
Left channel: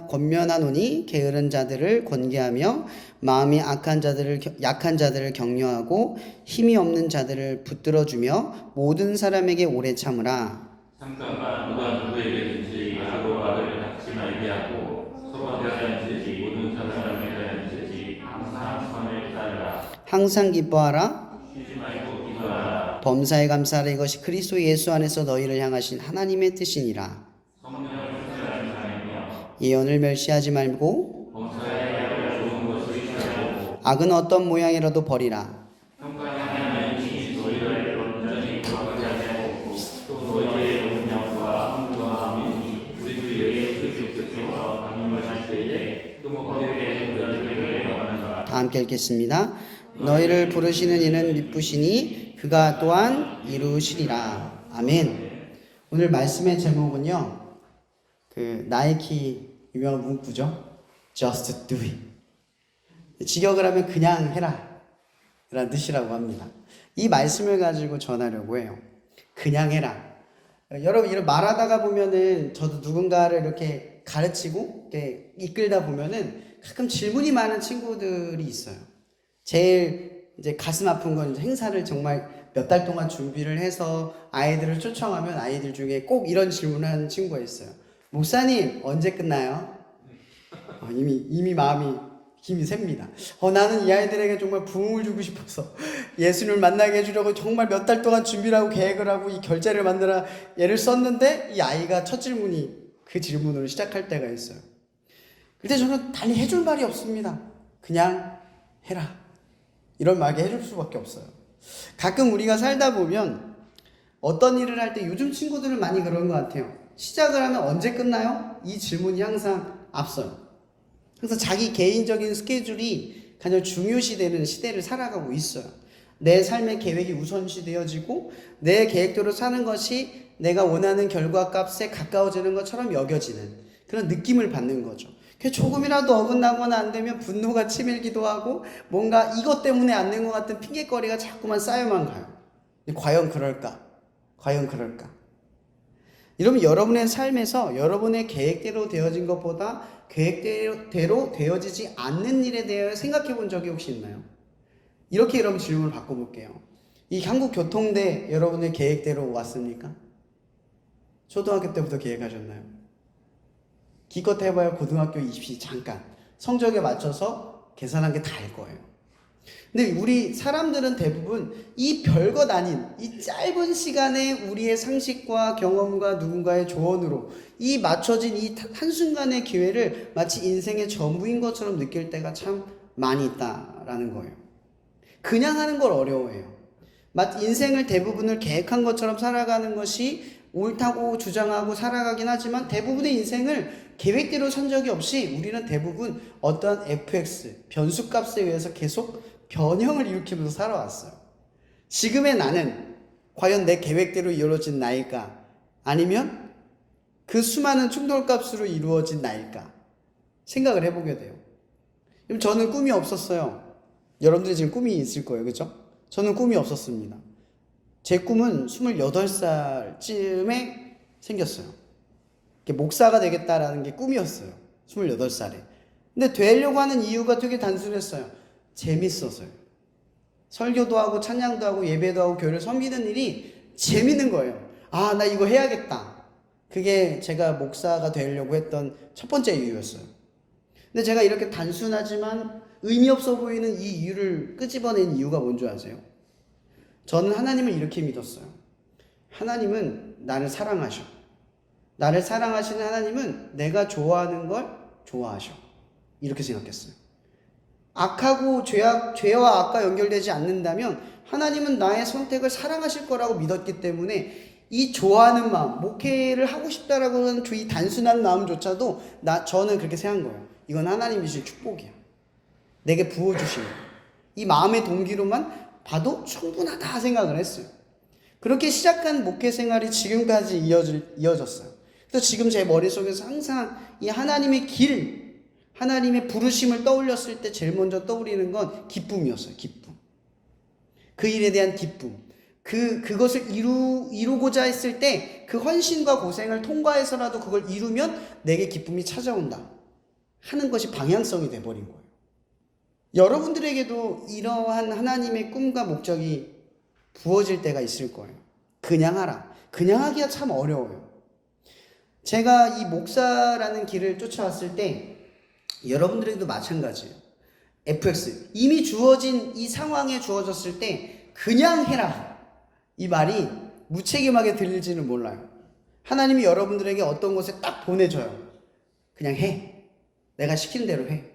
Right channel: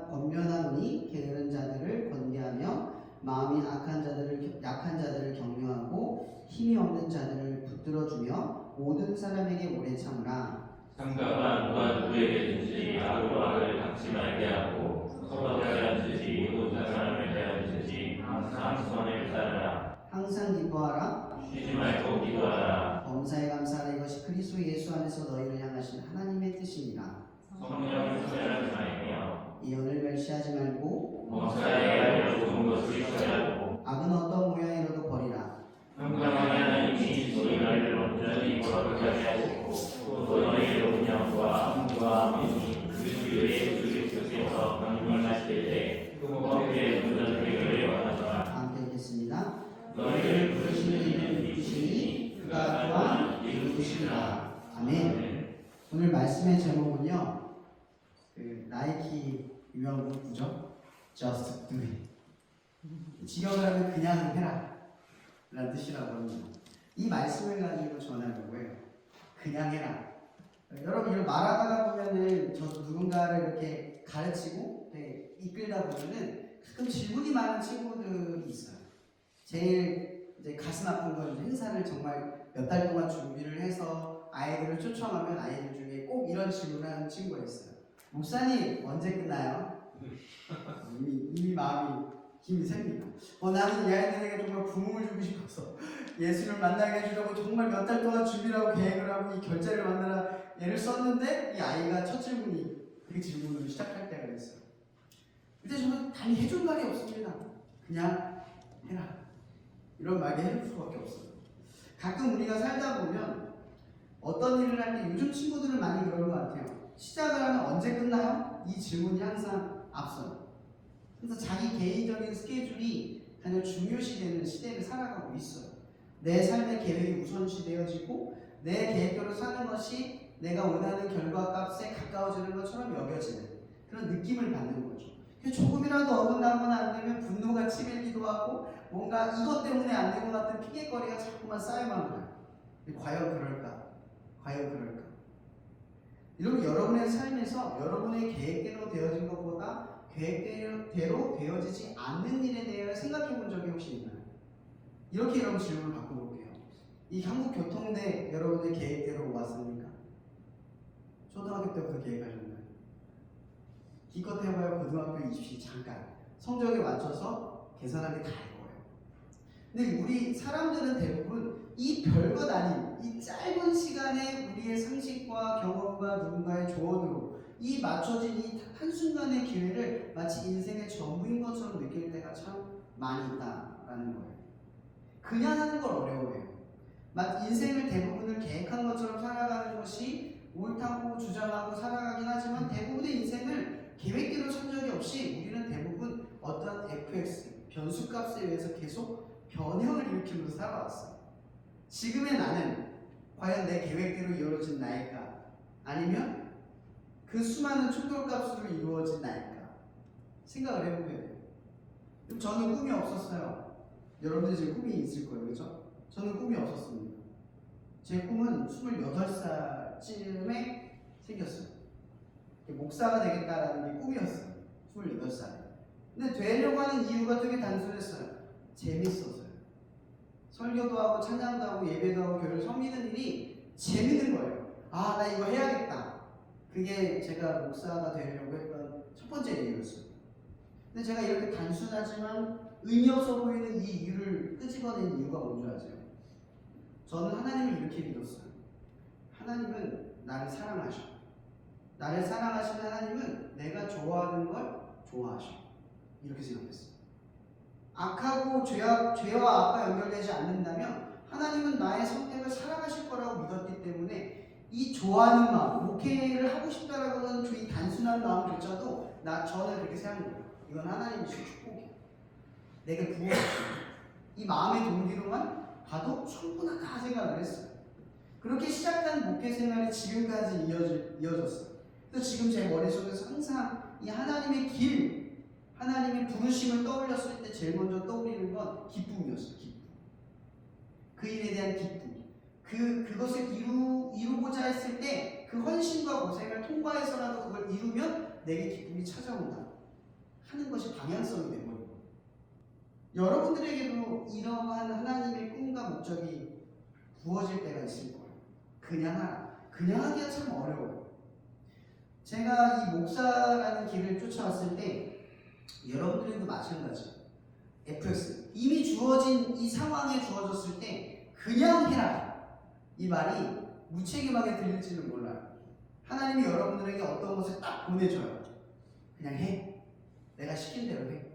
권면하노니 게으른 자들을 권계하며 마음이 약한 자들을 격려하고 힘이 없는 자들을 붙들어주며 모든 사람에게 오래 참으라. 상관나 누가 누구에게든지 악으로 악을 갚지 말게 하고 서로 대하는지 모든 사람에 대하는지 항상 선을 따르라. 항상 기뻐하라. 쉬지 말고 기도하라. 범사에 감사하라. 이것이 그리스도 예수 안에서 너희를 향하신 하나님의 뜻이니라. 성령을 사랑하며 예언을 멸시하지 말고 범사에 좋은 것을 취하고 악은 어떤 모양이라도 버리라. 평강하게 하나님이 너희를 온전히 거룩하게 하고 또 너희의荣耀과 흥과 믿음이 우리 주 예수 그리스도께서 강림하실 때에 흠없게 도전되기를 원하노라. 다 함께 읽겠습니다. 너희를 부르시는 이는 미쁘시니 그가 또한 이루시리라. 아멘. 오늘 말씀의 제목은요, 나이키 유명한 문구죠. Just do it. 직역을 하면 그냥 해라 라는 뜻이라고 합니다. 이 말씀을 가지고 전하려고 해요. 그냥 해라. 여러분 이런 말하다가 보면은 저도 누군가를 이렇게 가르치고 이렇게 이끌다 보면은 가끔 질문이 많은 친구들이 있어요. 제일 이제 가슴 아픈 건 행사를 정말 몇 달 동안 준비를 해서 아이들을 초청하면 아이들 중에 꼭 이런 질문을 하는 친구가 있어요. 목사님 언제 끝나요? 이미 마음이 힘이 셉니다. 나는 이 아이들에게 정말 부흥을 주고 싶어서 예수님을 만나게 해주려고 정말 몇 달 동안 준비를 하고 계획을 하고 이 결제를 만들어 얘를 썼는데 이 아이가 첫 질문이 그 질문으로 시작할 때가 있어요. 그때 저는 달리 해줄 말이 없습니다. 그냥 해라. 이런 말을 해줄 수밖에 없어요. 가끔 우리가 살다 보면 어떤 일을 할 때 요즘 친구들은 많이 그런 것 같아요. 시작을 하면 언제 끝나요? 이 질문이 항상 앞서요. 그래서 자기 개인적인 스케줄이 가장 중요시되는 시대를 살아가고 있어요. 내 삶의 계획이 우선시되어지고 내 계획대로 사는 것이 내가 원하는 결과값에 가까워지는 것처럼 여겨지는 그런 느낌을 받는 거죠. 조금이라도 어긋나거나 안 되면 분노가 치밀기도 하고 뭔가 이것 때문에 안 된 것 같은 핑계거리가 자꾸만 쌓여만 가요. 근데 과연 그럴까? 과연 그럴까? 이러면 여러분의 삶에서 여러분의 계획대로 되어진 것보다 계획대로 되어지지 않는 일에 대해 생각해 본 적이 혹시 있나요? 이렇게 여러분 질문을 바꿔볼게요. 이 한국교통대 여러분의 계획대로 왔습니까? 초등학교 때부터 계획하셨나요? 기껏 해봐야 고등학교 입시 잠깐 성적에 맞춰서 계산한 게 다일 거예요. 근데 우리 사람들은 대부분 이 별것 아닌 이 짧은 시간에 우리의 상식과 경험과 누군가의 조언으로 이 맞춰진 이 한순간의 기회를 마치 인생의 전부인 것처럼 느낄 때가 참 많이 있다라는 거예요. 그냥 하는 걸 어려워해요. 마치 인생을 대부분을 계획한 것처럼 살아가는 것이 옳다고 주장하고 살아가긴 하지만 대부분의 인생을 계획대로 산 적이 없이 우리는 대부분 어떠한 fx, 변수값에 의해서 계속 변형을 일으키면서 살아왔어요. 지금의 나는 과연 내 계획대로 이루어진 나일까? 아니면 그 수많은 충돌값으로 이루어진 나일까? 생각을 해보게 돼요. 저는 꿈이 없었어요. 여러분들이 지금 꿈이 있을 거예요. 그렇죠? 저는 꿈이 없었습니다. 제 꿈은 28살쯤에 생겼어요. 목사가 되겠다라는 게 꿈이었어요. 28살에. 근데 되려고 하는 이유가 되게 단순했어요. 재밌어서요. 설교도 하고 찬양도 하고 예배도 하고 교회를 섬기는 일이 재밌는 거예요. 아, 나 이거 해야겠다. 그게 제가 목사가 되려고 했던 첫 번째 이유였어요. 근데 제가 이렇게 단순하지만 의미 없어 보이는 이 이유를 끄집어낸 이유가 뭔지 아세요? 저는 하나님을 이렇게 믿었어요. 하나님은 나를 사랑하셔. 나를 사랑하시는 하나님은 내가 좋아하는 걸 좋아하셔. 이렇게 생각했어요. 악하고 죄와 악과 연결되지 않는다면 하나님은 나의 선택을 사랑하실 거라고 믿었기 때문에 이 좋아하는 마음, 목회를 하고 싶다라고 하는 이 단순한 마음조차도 저는 그렇게 생각한 거예요. 이건 하나님이 주신 축복이야. 내게 부어주시는 이 마음의 동기로만 봐도 충분하다 생각을 했어요. 그렇게 시작한 목회 생활이 지금까지 이어졌어요. 그래서 지금 제 머릿속에서 항상 이 하나님의 길, 하나님의 부르심을 떠올렸을 때 제일 먼저 떠오르는 건 기쁨이었어요. 기쁨. 그 일에 대한 기쁨. 그것을 이루고자 했을 때 그 헌신과 고생을 통과해서라도 그걸 이루면 내게 기쁨이 찾아온다 하는 것이 방향성이 돼버린 거예요. 여러분들에게도 이러한 하나님의 꿈과 목적이 부어질 때가 있을 거예요. 그냥 하라. 그냥 하기가 참 어려워요. 제가 이 목사라는 길을 쫓아왔을 때 여러분들에게도 마찬가지예요. FX. 이미 주어진 이 상황에 주어졌을 때 그냥 해라. 이 말이 무책임하게 들릴지는 몰라요. 하나님이 여러분들에게 어떤 곳에 딱 보내줘요. 그냥 해. 내가 시키는 대로 해.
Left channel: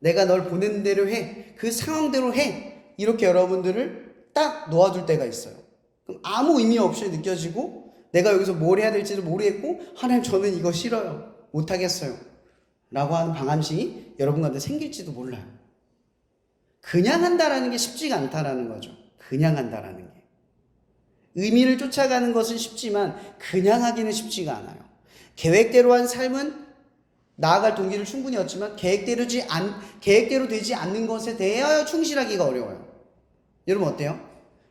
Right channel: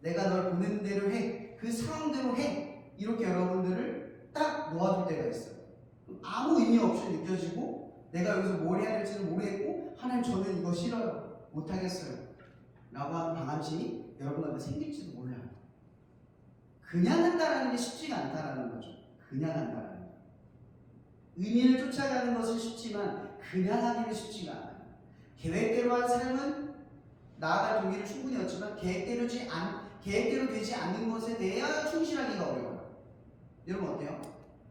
내가 널 보낸 대로 해. 그 상황대로 해. 이렇게 여러분들을 딱 놓아둘 때가 있어요. 그럼 아무 의미 없이 느껴지고 내가 여기서 뭘 해야 될지도 모르겠고 하나님 저는 이거 싫어요. 못하겠어요. 라고 하는 방안식이 여러분 가운데 생길지도 몰라요. 그냥 한다라는 게 쉽지가 않다라는 거죠. 그냥 한다라는 게. 의미를 쫓아가는 것은 쉽지만 그냥 하기는 쉽지가 않아요. 계획대로 한 삶은 나아갈 동기를 충분히 얻지만 계획대로 되지 않는 것에 대하여 충실하기가 어려워요. 여러분 어때요?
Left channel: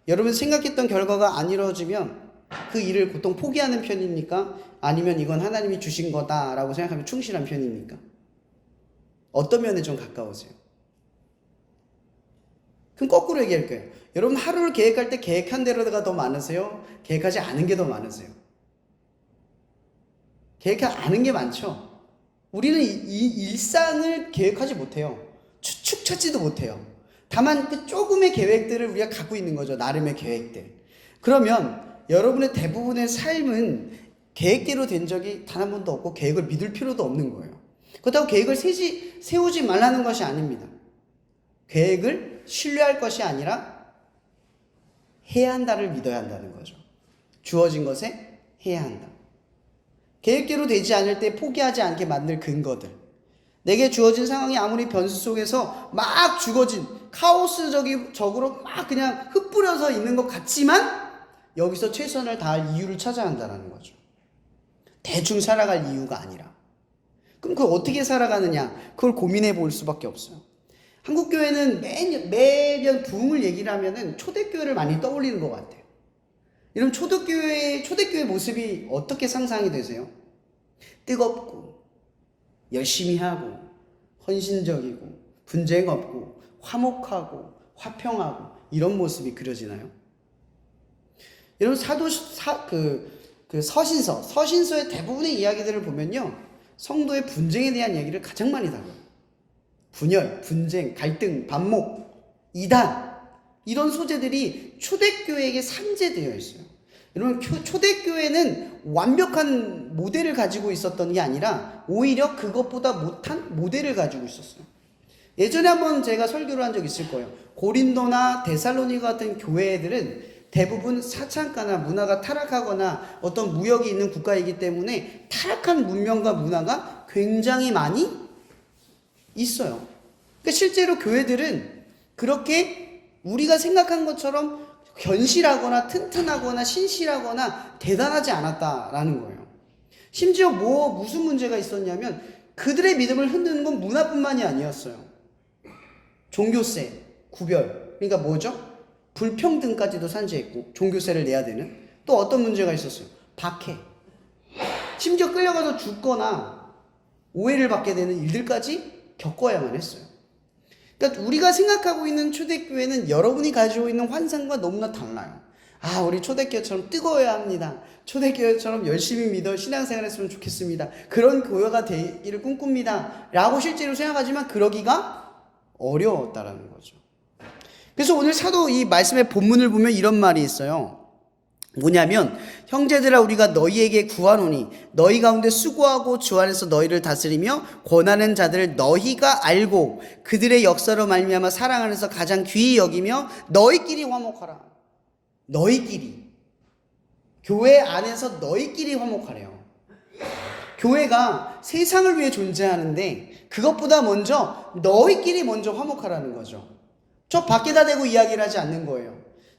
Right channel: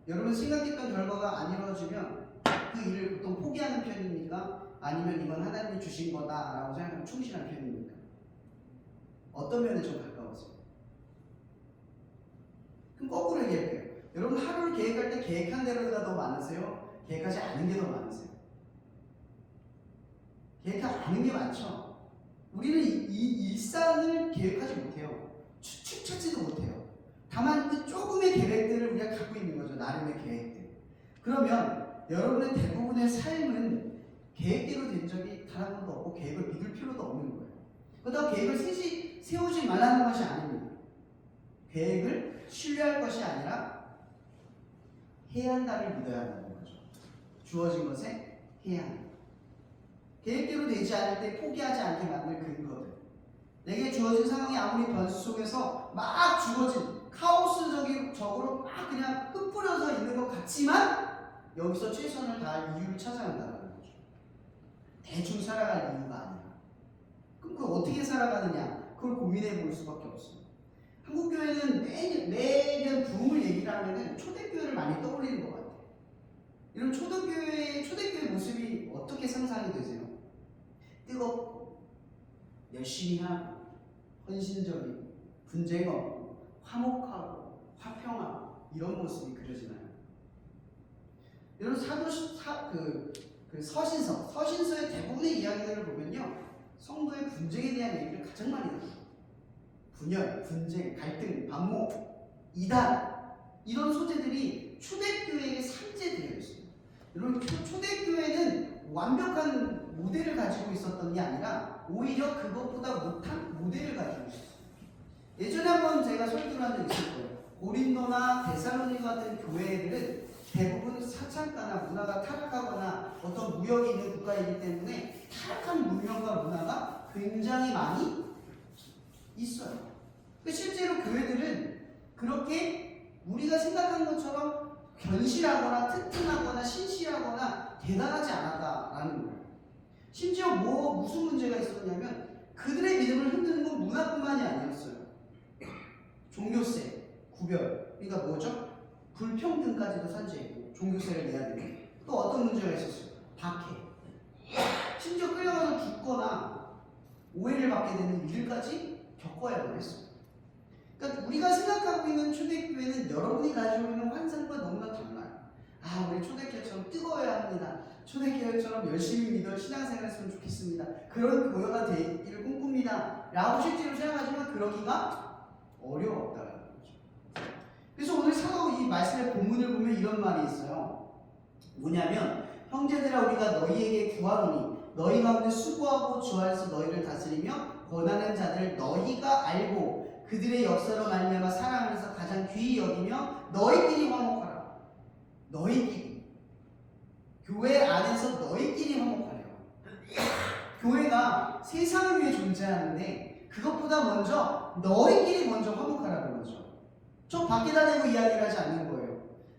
여러분 생각했던 결과가 안 이루어지면 그 일을 보통 포기하는 편입니까? 아니면 이건 하나님이 주신 거다라고 생각하면 충실한 편입니까? 어떤 면에 좀 가까우세요? 그럼 거꾸로 얘기할 거예요. 여러분 하루를 계획할 때 계획한 대로가 더 많으세요? 계획하지 않은 게 더 많으세요? 계획하지 않은 게 많죠. 우리는 이 일상을 계획하지 못해요. 추측 찾지도 못해요. 다만 그 조금의 계획들을 우리가 갖고 있는 거죠. 나름의 계획들. 그러면 여러분의 대부분의 삶은 계획대로 된 적이 단 한 번도 없고 계획을 믿을 필요도 없는 거예요. 그렇다고 계획을 세우지 말라는 것이 아닙니다. 계획을 신뢰할 것이 아니라 해야 한다를 믿어야 한다는 거죠. 주어진 것에 해야 한다. 계획대로 되지 않을 때 포기하지 않게 만들 근거들. 내게 주어진 상황이 아무리 변수 속에서 막 주어진 카오스적으로 막 그냥 흩뿌려서 있는 것 같지만 여기서 최선을 다할 이유를 찾아야 한다는 거죠. 대충 살아갈 이유가 아니라. 그럼 그걸 어떻게 살아가느냐? 그걸 고민해 볼 수밖에 없어요. 한국교회는 매년 부흥을 얘기를 하면은 초대교회를 많이 떠올리는 것 같아요. 이런 초대교회 모습이 어떻게 상상이 되세요? 뜨겁고, 열심히 하고, 헌신적이고, 분쟁 없고, 화목하고, 화평하고, 이런 모습이 그려지나요? 여러분, 서신서의 대부분의 이야기들을 보면요, 성도의 분쟁에 대한 얘기를 가장 많이 다뤄요. 분열, 분쟁, 갈등, 반목, 이단 이런 소재들이 초대교회에게 산재되어 있어요. 여러분 초대교회는 완벽한 모델을 가지고 있었던 게 아니라 오히려 그것보다 못한 모델을 가지고 있었어요. 예전에 한번 제가 설교를 한 적이 있을 거예요. 고린도나 데살로니가 같은 교회들은 대부분 사창가나 문화가 타락하거나 어떤 무역이 있는 국가이기 때문에 타락한 문명과 문화가 굉장히 많이 있어요. 그러니까 실제로 교회들은 그렇게 우리가 생각한 것처럼 견실하거나 튼튼하거나 신실하거나 대단하지 않았다라는 거예요. 심지어 무슨 문제가 있었냐면 그들의 믿음을 흔드는 건 문화뿐만이 아니었어요. 종교세, 구별, 그러니까 뭐죠? 불평등까지도 산재했고 종교세를 내야 되는, 또 어떤 문제가 있었어요? 박해, 심지어 끌려가서 죽거나 오해를 받게 되는 일들까지 겪어야만 했어요. 그러니까 우리가 생각하고 있는 초대교회는 여러분이 가지고 있는 환상과 너무나 달라요. 아, 우리 초대교회처럼 뜨거워야 합니다. 초대교회처럼 열심히 믿어 신앙생활 했으면 좋겠습니다. 그런 교회가 되기를 꿈꿉니다 라고 실제로 생각하지만 그러기가 어려웠다라는 거죠. 그래서 오늘 사도 이 말씀의 본문을 보면 이런 말이 있어요. 뭐냐면, 형제들아 우리가 너희에게 구하노니 너희 가운데 수고하고 주 안에서 너희를 다스리며 권하는 자들을 너희가 알고 그들의 역사로 말미암아 사랑 안에서 가장 귀히 여기며 너희끼리 화목하라. 너희끼리, 교회 안에서 너희끼리 화목하래요. 교회가 세상을 위해 존재하는데 그것보다 먼저 너희끼리 먼저 화목하라는 거죠. 저 밖에다 대고 이야기를 하지 않는 거예요.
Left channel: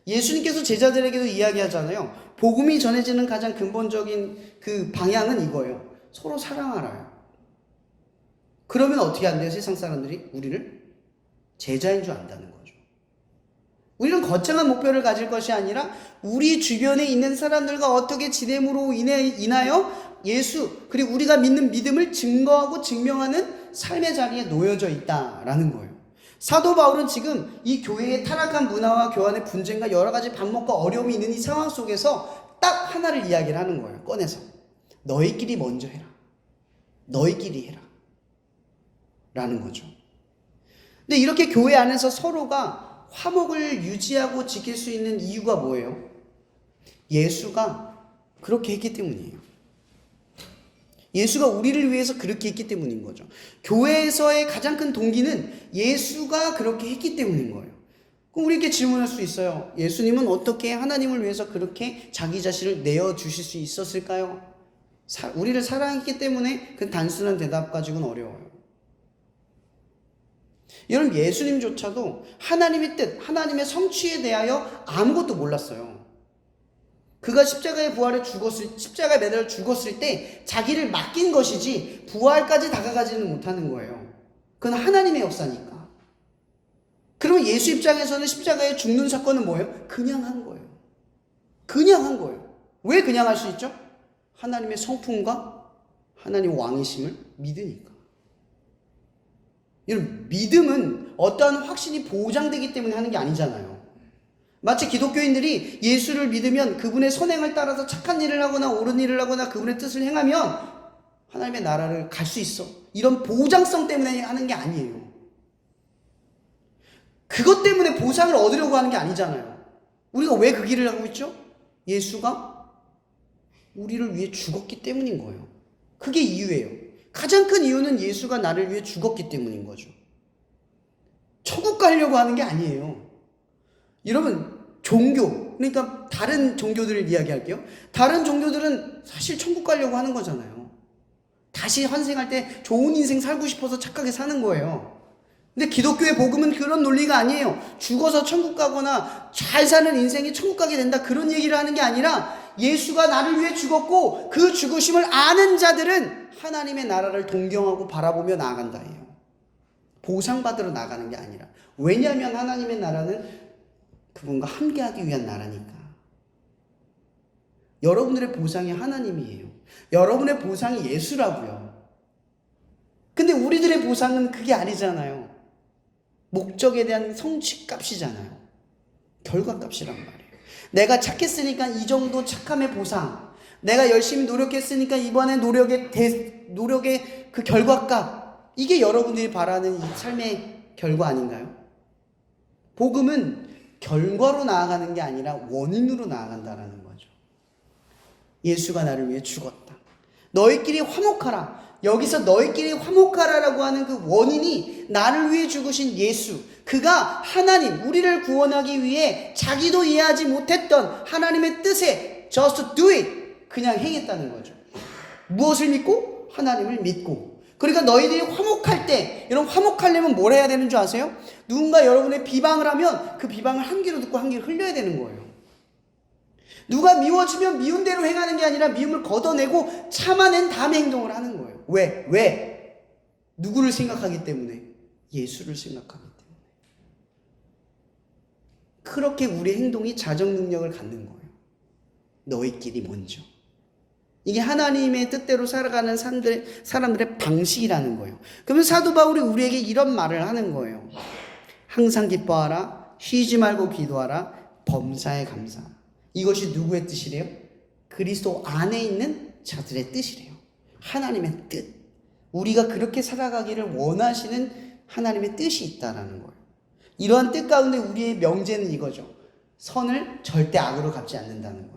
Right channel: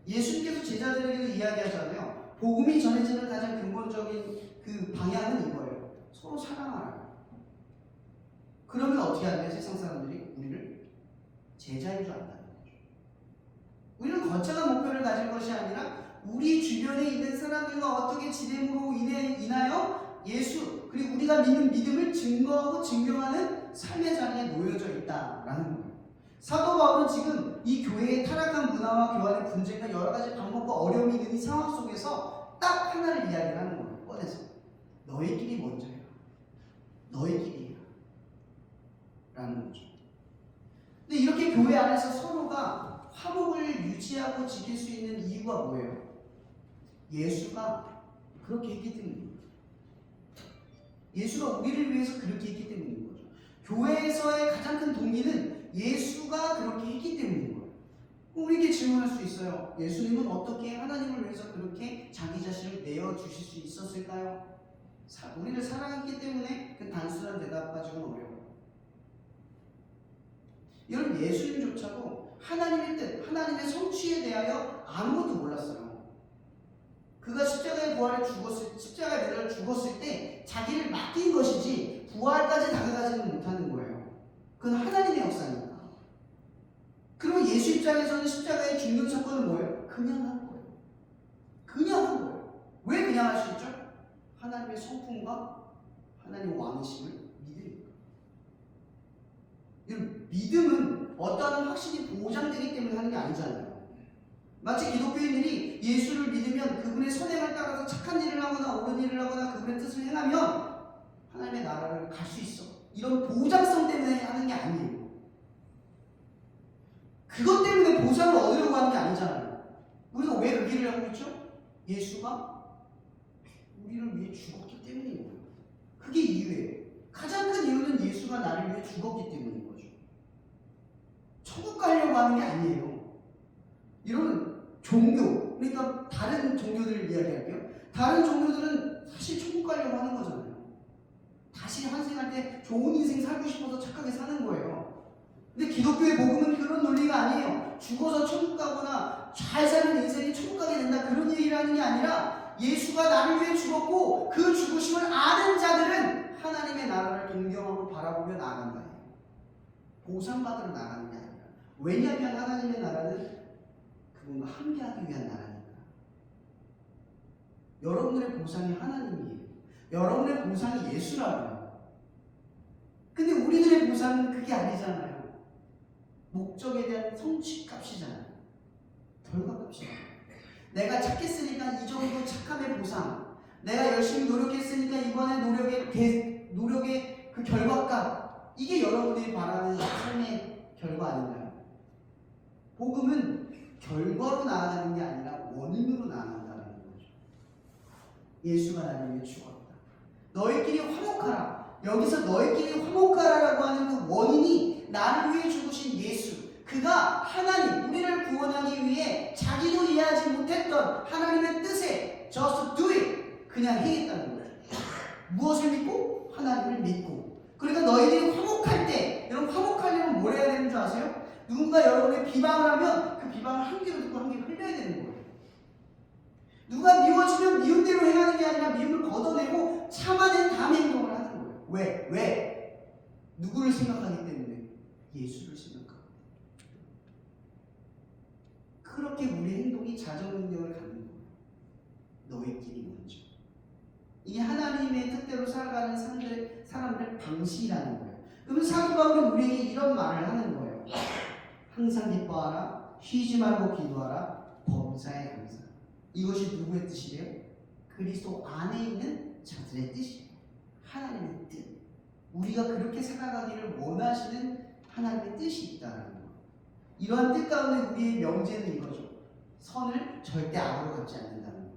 예수님께서 제자들에게도 이야기하잖아요. 복음이 전해지는 가장 근본적인 그 방향은 이거예요. 서로 사랑하라요. 그러면 어떻게 한대요? 세상 사람들이 우리를 제자인 줄 안다는 거죠. 우리는 거창한 목표를 가질 것이 아니라 우리 주변에 있는 사람들과 어떻게 지냄으로 인하여 예수, 그리고 우리가 믿는 믿음을 증거하고 증명하는 삶의 자리에 놓여져 있다라는 거예요. 사도 바울은 지금 이 교회의 타락한 문화와 교환의 분쟁과 여러 가지 반목과 어려움이 있는 이 상황 속에서 딱 하나를 이야기를 하는 거예요. 꺼내서 너희끼리 먼저 해라. 너희끼리 해라 라는 거죠. 근데 이렇게 교회 안에서 서로가 화목을 유지하고 지킬 수 있는 이유가 뭐예요? 예수가 그렇게 했기 때문이에요. 예수가 우리를 위해서 그렇게 했기 때문인 거죠. 교회에서의 가장 큰 동기는 예수가 그렇게 했기 때문인 거예요. 그럼 우리에게 질문할 수 있어요. 예수님은 어떻게 하나님을 위해서 그렇게 자기 자신을 내어주실 수 있었을까요? 우리를 사랑했기 때문에 그 단순한 대답 가지고는 어려워요. 여러분, 예수님조차도 하나님의 뜻, 하나님의 성취에 대하여 아무것도 몰랐어요. 그가 십자가에 십자가에 매달려 죽었을 때 자기를 맡긴 것이지 부활까지 다가가지는 못하는 거예요. 그건 하나님의 역사니까. 그러면 예수 입장에서는 십자가에 죽는 사건은 뭐예요? 그냥 한 거예요. 그냥 한 거예요. 왜 그냥 할 수 있죠? 하나님의 성품과 하나님의 왕이심을 믿으니까. 여러분, 믿음은 어떠한 확신이 보장되기 때문에 하는 게 아니잖아요. 마치 기독교인들이 예수를 믿으면 그분의 선행을 따라서 착한 일을 하거나 옳은 일을 하거나 그분의 뜻을 행하면 하나님의 나라를 갈 수 있어, 이런 보장성 때문에 하는 게 아니에요. 그것 때문에 보상을 얻으려고 하는 게 아니잖아요. 우리가 왜 그 길을 하고 있죠? 예수가 우리를 위해 죽었기 때문인 거예요. 그게 이유예요. 가장 큰 이유는 예수가 나를 위해 죽었기 때문인 거죠. 천국 가려고 하는 게 아니에요. 여러분, 종교, 그러니까 다른 종교들을 이야기할게요. 다른 종교들은 사실 천국 가려고 하는 거잖아요. 다시 환생할 때 좋은 인생 살고 싶어서 착하게 사는 거예요. 근데 기독교의 복음은 그런 논리가 아니에요. 죽어서 천국 가거나 잘 사는 인생이 천국 가게 된다, 그런 얘기를 하는 게 아니라 예수가 나를 위해 죽었고 그 죽으심을 아는 자들은 하나님의 나라를 동경하고 바라보며 나아간다예요. 보상받으러 나가는 게 아니라. 왜냐하면 하나님의 나라는 그분과 함께하기 위한 나라니까. 여러분들의 보상이 하나님이에요. 여러분의 보상이 예수라고요. 근데 우리들의 보상은 그게 아니잖아요. 목적에 대한 성취값이잖아요. 결과값이란 말이에요. 내가 착했으니까 이 정도 착함의 보상, 내가 열심히 노력했으니까 이번에 노력의 그 결과값, 이게 여러분들이 바라는 삶의 결과 아닌가요? 복음은 결과로 나아가는 게 아니라 원인으로 나아간다는 거죠. 예수가 나를 위해 죽었다. 너희끼리 화목하라. 여기서 너희끼리 화목하라라고 하는 그 원인이 나를 위해 죽으신 예수. 그가 하나님, 우리를 구원하기 위해 자기도 이해하지 못했던 하나님의 뜻에 just do it, 그냥 행했다는 거죠. 무엇을 믿고? 하나님을 믿고. 그러니까 너희들이 화목할 때, 여러분, 화목하려면 뭘 해야 되는 줄 아세요? 누군가 여러분의 비방을 하면 그 비방을 한 귀로 듣고 한 귀로 흘려야 되는 거예요. 누가 미워지면 미운 대로 행하는 게 아니라 미움을 걷어내고 참아낸 다음에 행동을 하는 거예요. 왜? 누구를 생각하기 때문에? 예수를 생각하기 때문에. 그렇게 우리의 행동이 자정 능력을 갖는 거예요. 너희끼리 먼저. 이게 하나님의 뜻대로 살아가는 사람들의 방식이라는 거예요. 그러면 사도 바울이 우리에게 이런 말을 하는 거예요. 항상 기뻐하라, 쉬지 말고 기도하라, 범사에 감사하라. 이것이 누구의 뜻이래요? 그리스도 안에 있는 자들의 뜻이래요. 하나님의 뜻. 우리가 그렇게 살아가기를 원하시는 하나님의 뜻이 있다라는 거예요. 이러한 뜻 가운데 우리의 명제는 이거죠. 선을 절대 악으로 갚지 않는다는 거예요.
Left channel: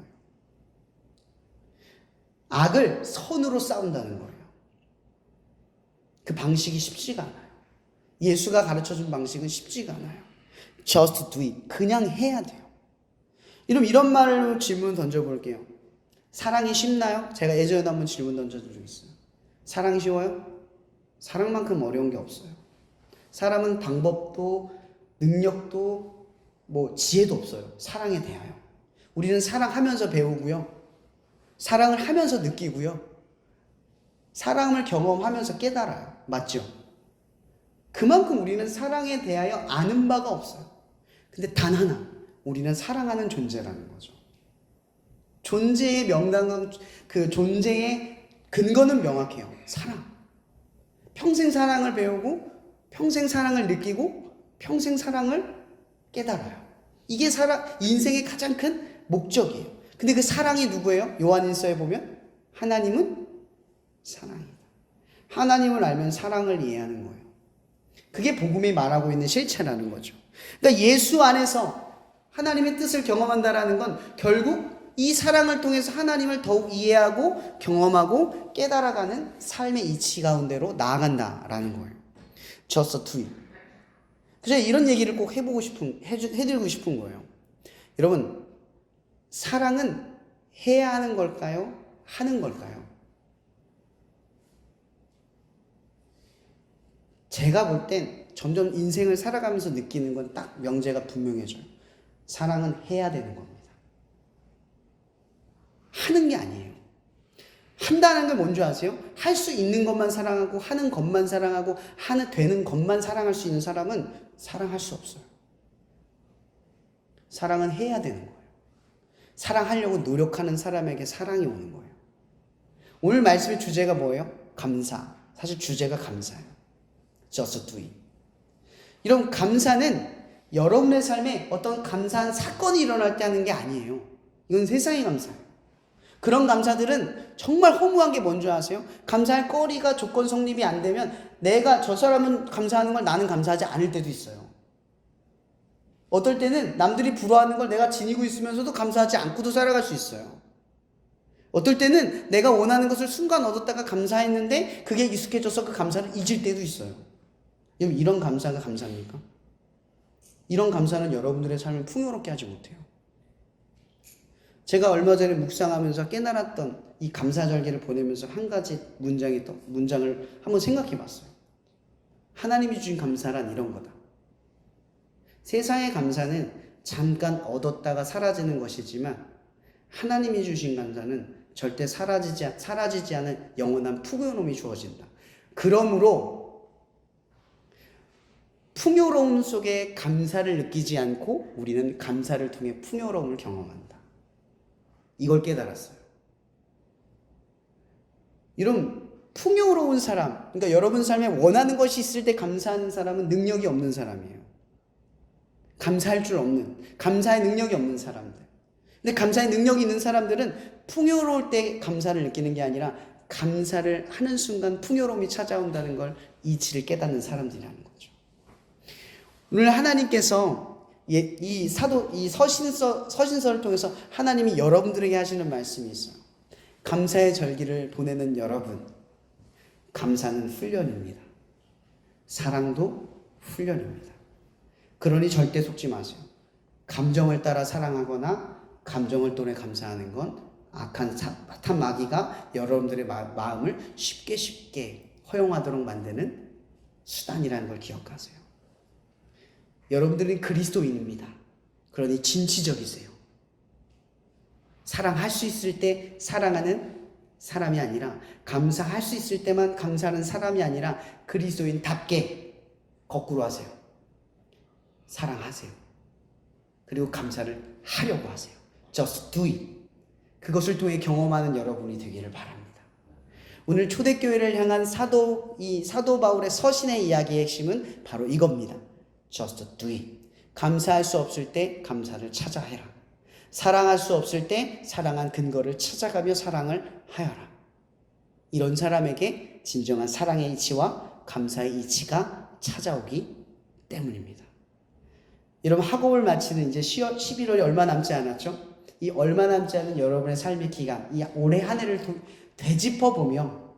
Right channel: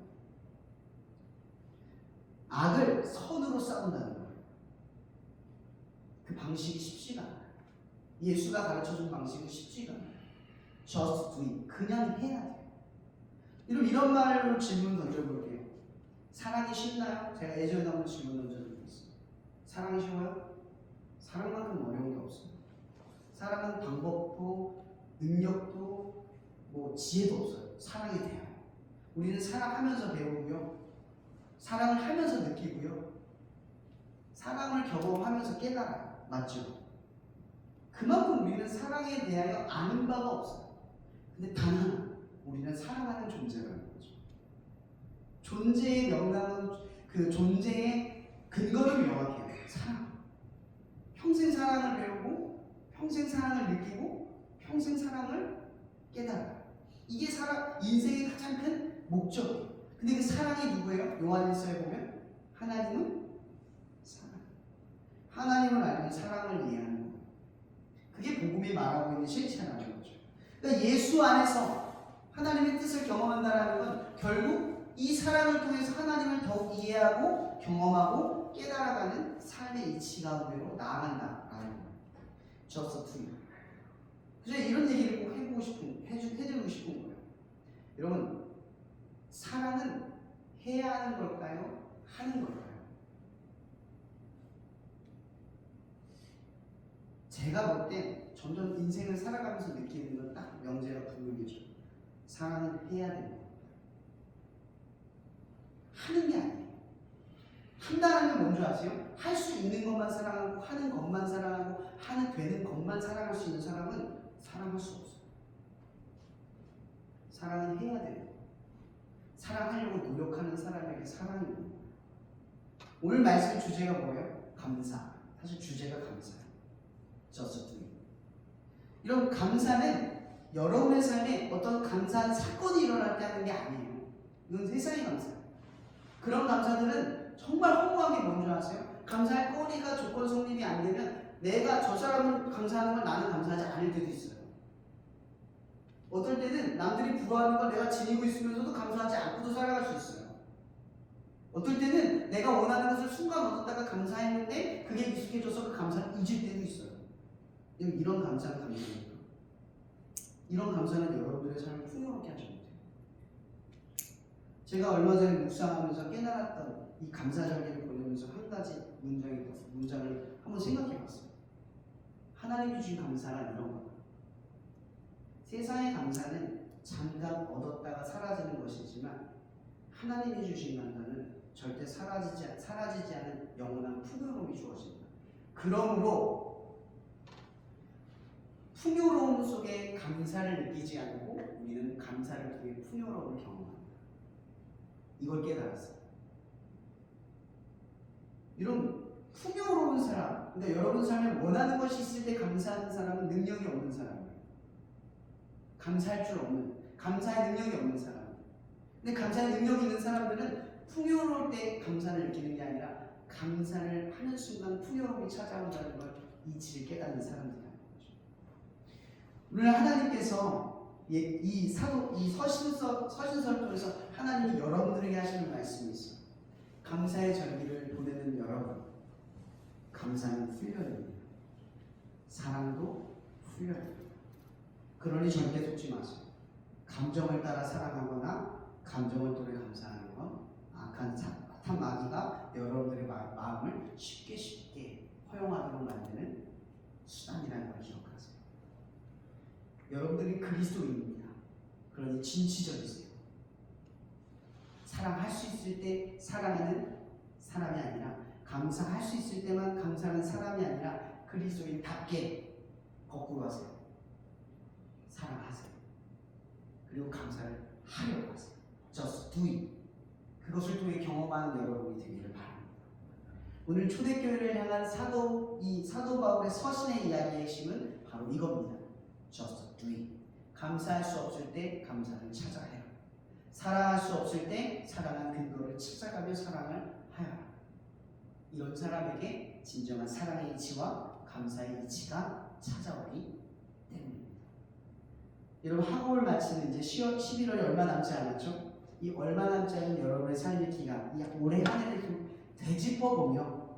악을 선으로 싸운다는 거예요. 그 방식이 쉽지가 않아요. 예수가 가르쳐준 방식은 쉽지가 않아요. Just do it. 그냥 해야 돼요. 여러분 이런 말로 질문 던져볼게요. 사랑이 쉽나요? 제가 예전에 한번 질문 던져준 적 있어요. 사랑이 쉬워요? 사랑만큼 어려운 게 없어요. 사람은 방법도 능력도 뭐 지혜도 없어요. 사랑에 대하여. 우리는 사랑하면서 배우고요. 사랑을 하면서 느끼고요. 사랑을 경험하면서 깨달아요. 맞죠? 그만큼 우리는 사랑에 대하여 아는 바가 없어요. 근데 단 하나, 우리는 사랑하는 존재라는 거죠. 존재의 명당은, 그 존재의 근거는 명확해요. 사랑. 평생 사랑을 배우고, 평생 사랑을 느끼고, 평생 사랑을 깨달아요. 이게 인생의 가장 큰 목적이에요. 근데 그 사랑이 누구예요? 요한일서에 보면 하나님은 사랑이다. 하나님을 알면 사랑을 이해하는 거예요. 그게 복음이 말하고 있는 실체라는 거죠. 그러니까 예수 안에서 하나님의 뜻을 경험한다라는 건 결국 이 사랑을 통해서 하나님을 더욱 이해하고 경험하고 깨달아가는 삶의 이치 가운데로 나아간다라는 거예요. Just do it. 그래서 이런 얘기를 꼭 해드리고 싶은 거예요. 여러분, 사랑은 해야 하는 걸까요? 하는 걸까요? 제가 볼 땐 점점 인생을 살아가면서 느끼는 건 딱 명제가 분명해져요. 사랑은 해야 되는 겁니다. 하는 게 아니에요. 한다는 게 뭔지 아세요? 할 수 있는 것만 사랑하고 하는 것만 사랑하고 되는 것만 사랑할 수 있는 사람은 사랑할 수 없어요. 사랑은 해야 되는 거예요. 사랑하려고 노력하는 사람에게 사랑이 오는 거예요. 오늘 말씀의 주제가 뭐예요? 감사. 사실 주제가 감사예요. Just do it. 이런 감사는 여러분의 삶에 어떤 감사한 사건이 일어날 때 하는 게 아니에요. 이건 세상의 감사예요. 그런 감사들은 정말 허무한 게 뭔지 아세요? 감사할 거리가 조건 성립이 안 되면 내가 저 사람은 감사하는 걸 나는 감사하지 않을 때도 있어요. 어떨 때는 남들이 부러워하는 걸 내가 지니고 있으면서도 감사하지 않고도 살아갈 수 있어요. 어떨 때는 내가 원하는 것을 순간 얻었다가 감사했는데 그게 익숙해져서 그 감사를 잊을 때도 있어요. 여러분 이런 감사가 감사입니까? 이런 감사는 여러분들의 삶을 풍요롭게 하지 못해요. 제가 얼마 전에 묵상하면서 깨달았던 이 감사절기를 보내면서 한 가지 문장을 한번 생각해 봤어요. 하나님이 주신 감사란 이런 거다. 세상의 감사는 잠깐 얻었다가 사라지는 것이지만 하나님이 주신 감사는 절대 사라지지 않은 영원한 풍요로움이 주어진다. 그러므로 풍요로움 속에 감사를 느끼지 않고 우리는 감사를 통해 풍요로움을 경험한다. 이걸 깨달았어요. 이런 풍요로운 사람, 그러니까 여러분 삶에 원하는 것이 있을 때 감사하는 사람은 능력이 없는 사람이에요. 감사할 줄 없는, 감사의 능력이 없는 사람들. 근데 감사의 능력이 있는 사람들은 풍요로울 때 감사를 느끼는 게 아니라 감사를 하는 순간 풍요로움이 찾아온다는 걸 이치를 깨닫는 사람들이라는 거죠. 오늘 하나님께서 이 서신서를 통해서 하나님이 여러분들에게 하시는 말씀이 있어요. 감사의 절기를 보내는 여러분, 감사는 훈련입니다. 사랑도 훈련입니다. 그러니 절대 속지 마세요. 감정을 따라 사랑하거나 감정을 통해 감사하는 건 악한 마귀가 여러분들의 마음을 쉽게 허용하도록 만드는 수단이라는 걸 기억하세요. 여러분들은 그리스도인입니다. 그러니 진취적이세요. 사랑할 수 있을 때 사랑하는 사람이 아니라, 감사할 수 있을 때만 감사하는 사람이 아니라 그리스도인답게 거꾸로 하세요. 사랑하세요. 그리고 감사를 하려고 하세요. Just do it. 그것을 통해 경험하는 여러분이 되기를 바랍니다. 오늘 초대교회를 향한 사도 바울의 서신의 이야기의 핵심은 바로 이겁니다. Just do it. 감사할 수 없을 때 감사를 찾아 해라. 사랑할 수 없을 때 사랑한 근거를 찾아가며 사랑을 하여라. 이런 사람에게 진정한 사랑의 이치와 감사의 이치가 찾아오기 때문입니다. 여러분, 학업을 마치는 이제 11월이 얼마 남지 않았죠? 이 얼마 남지 않은 여러분의 삶의 기간, 이 올해 한 해를 되짚어보며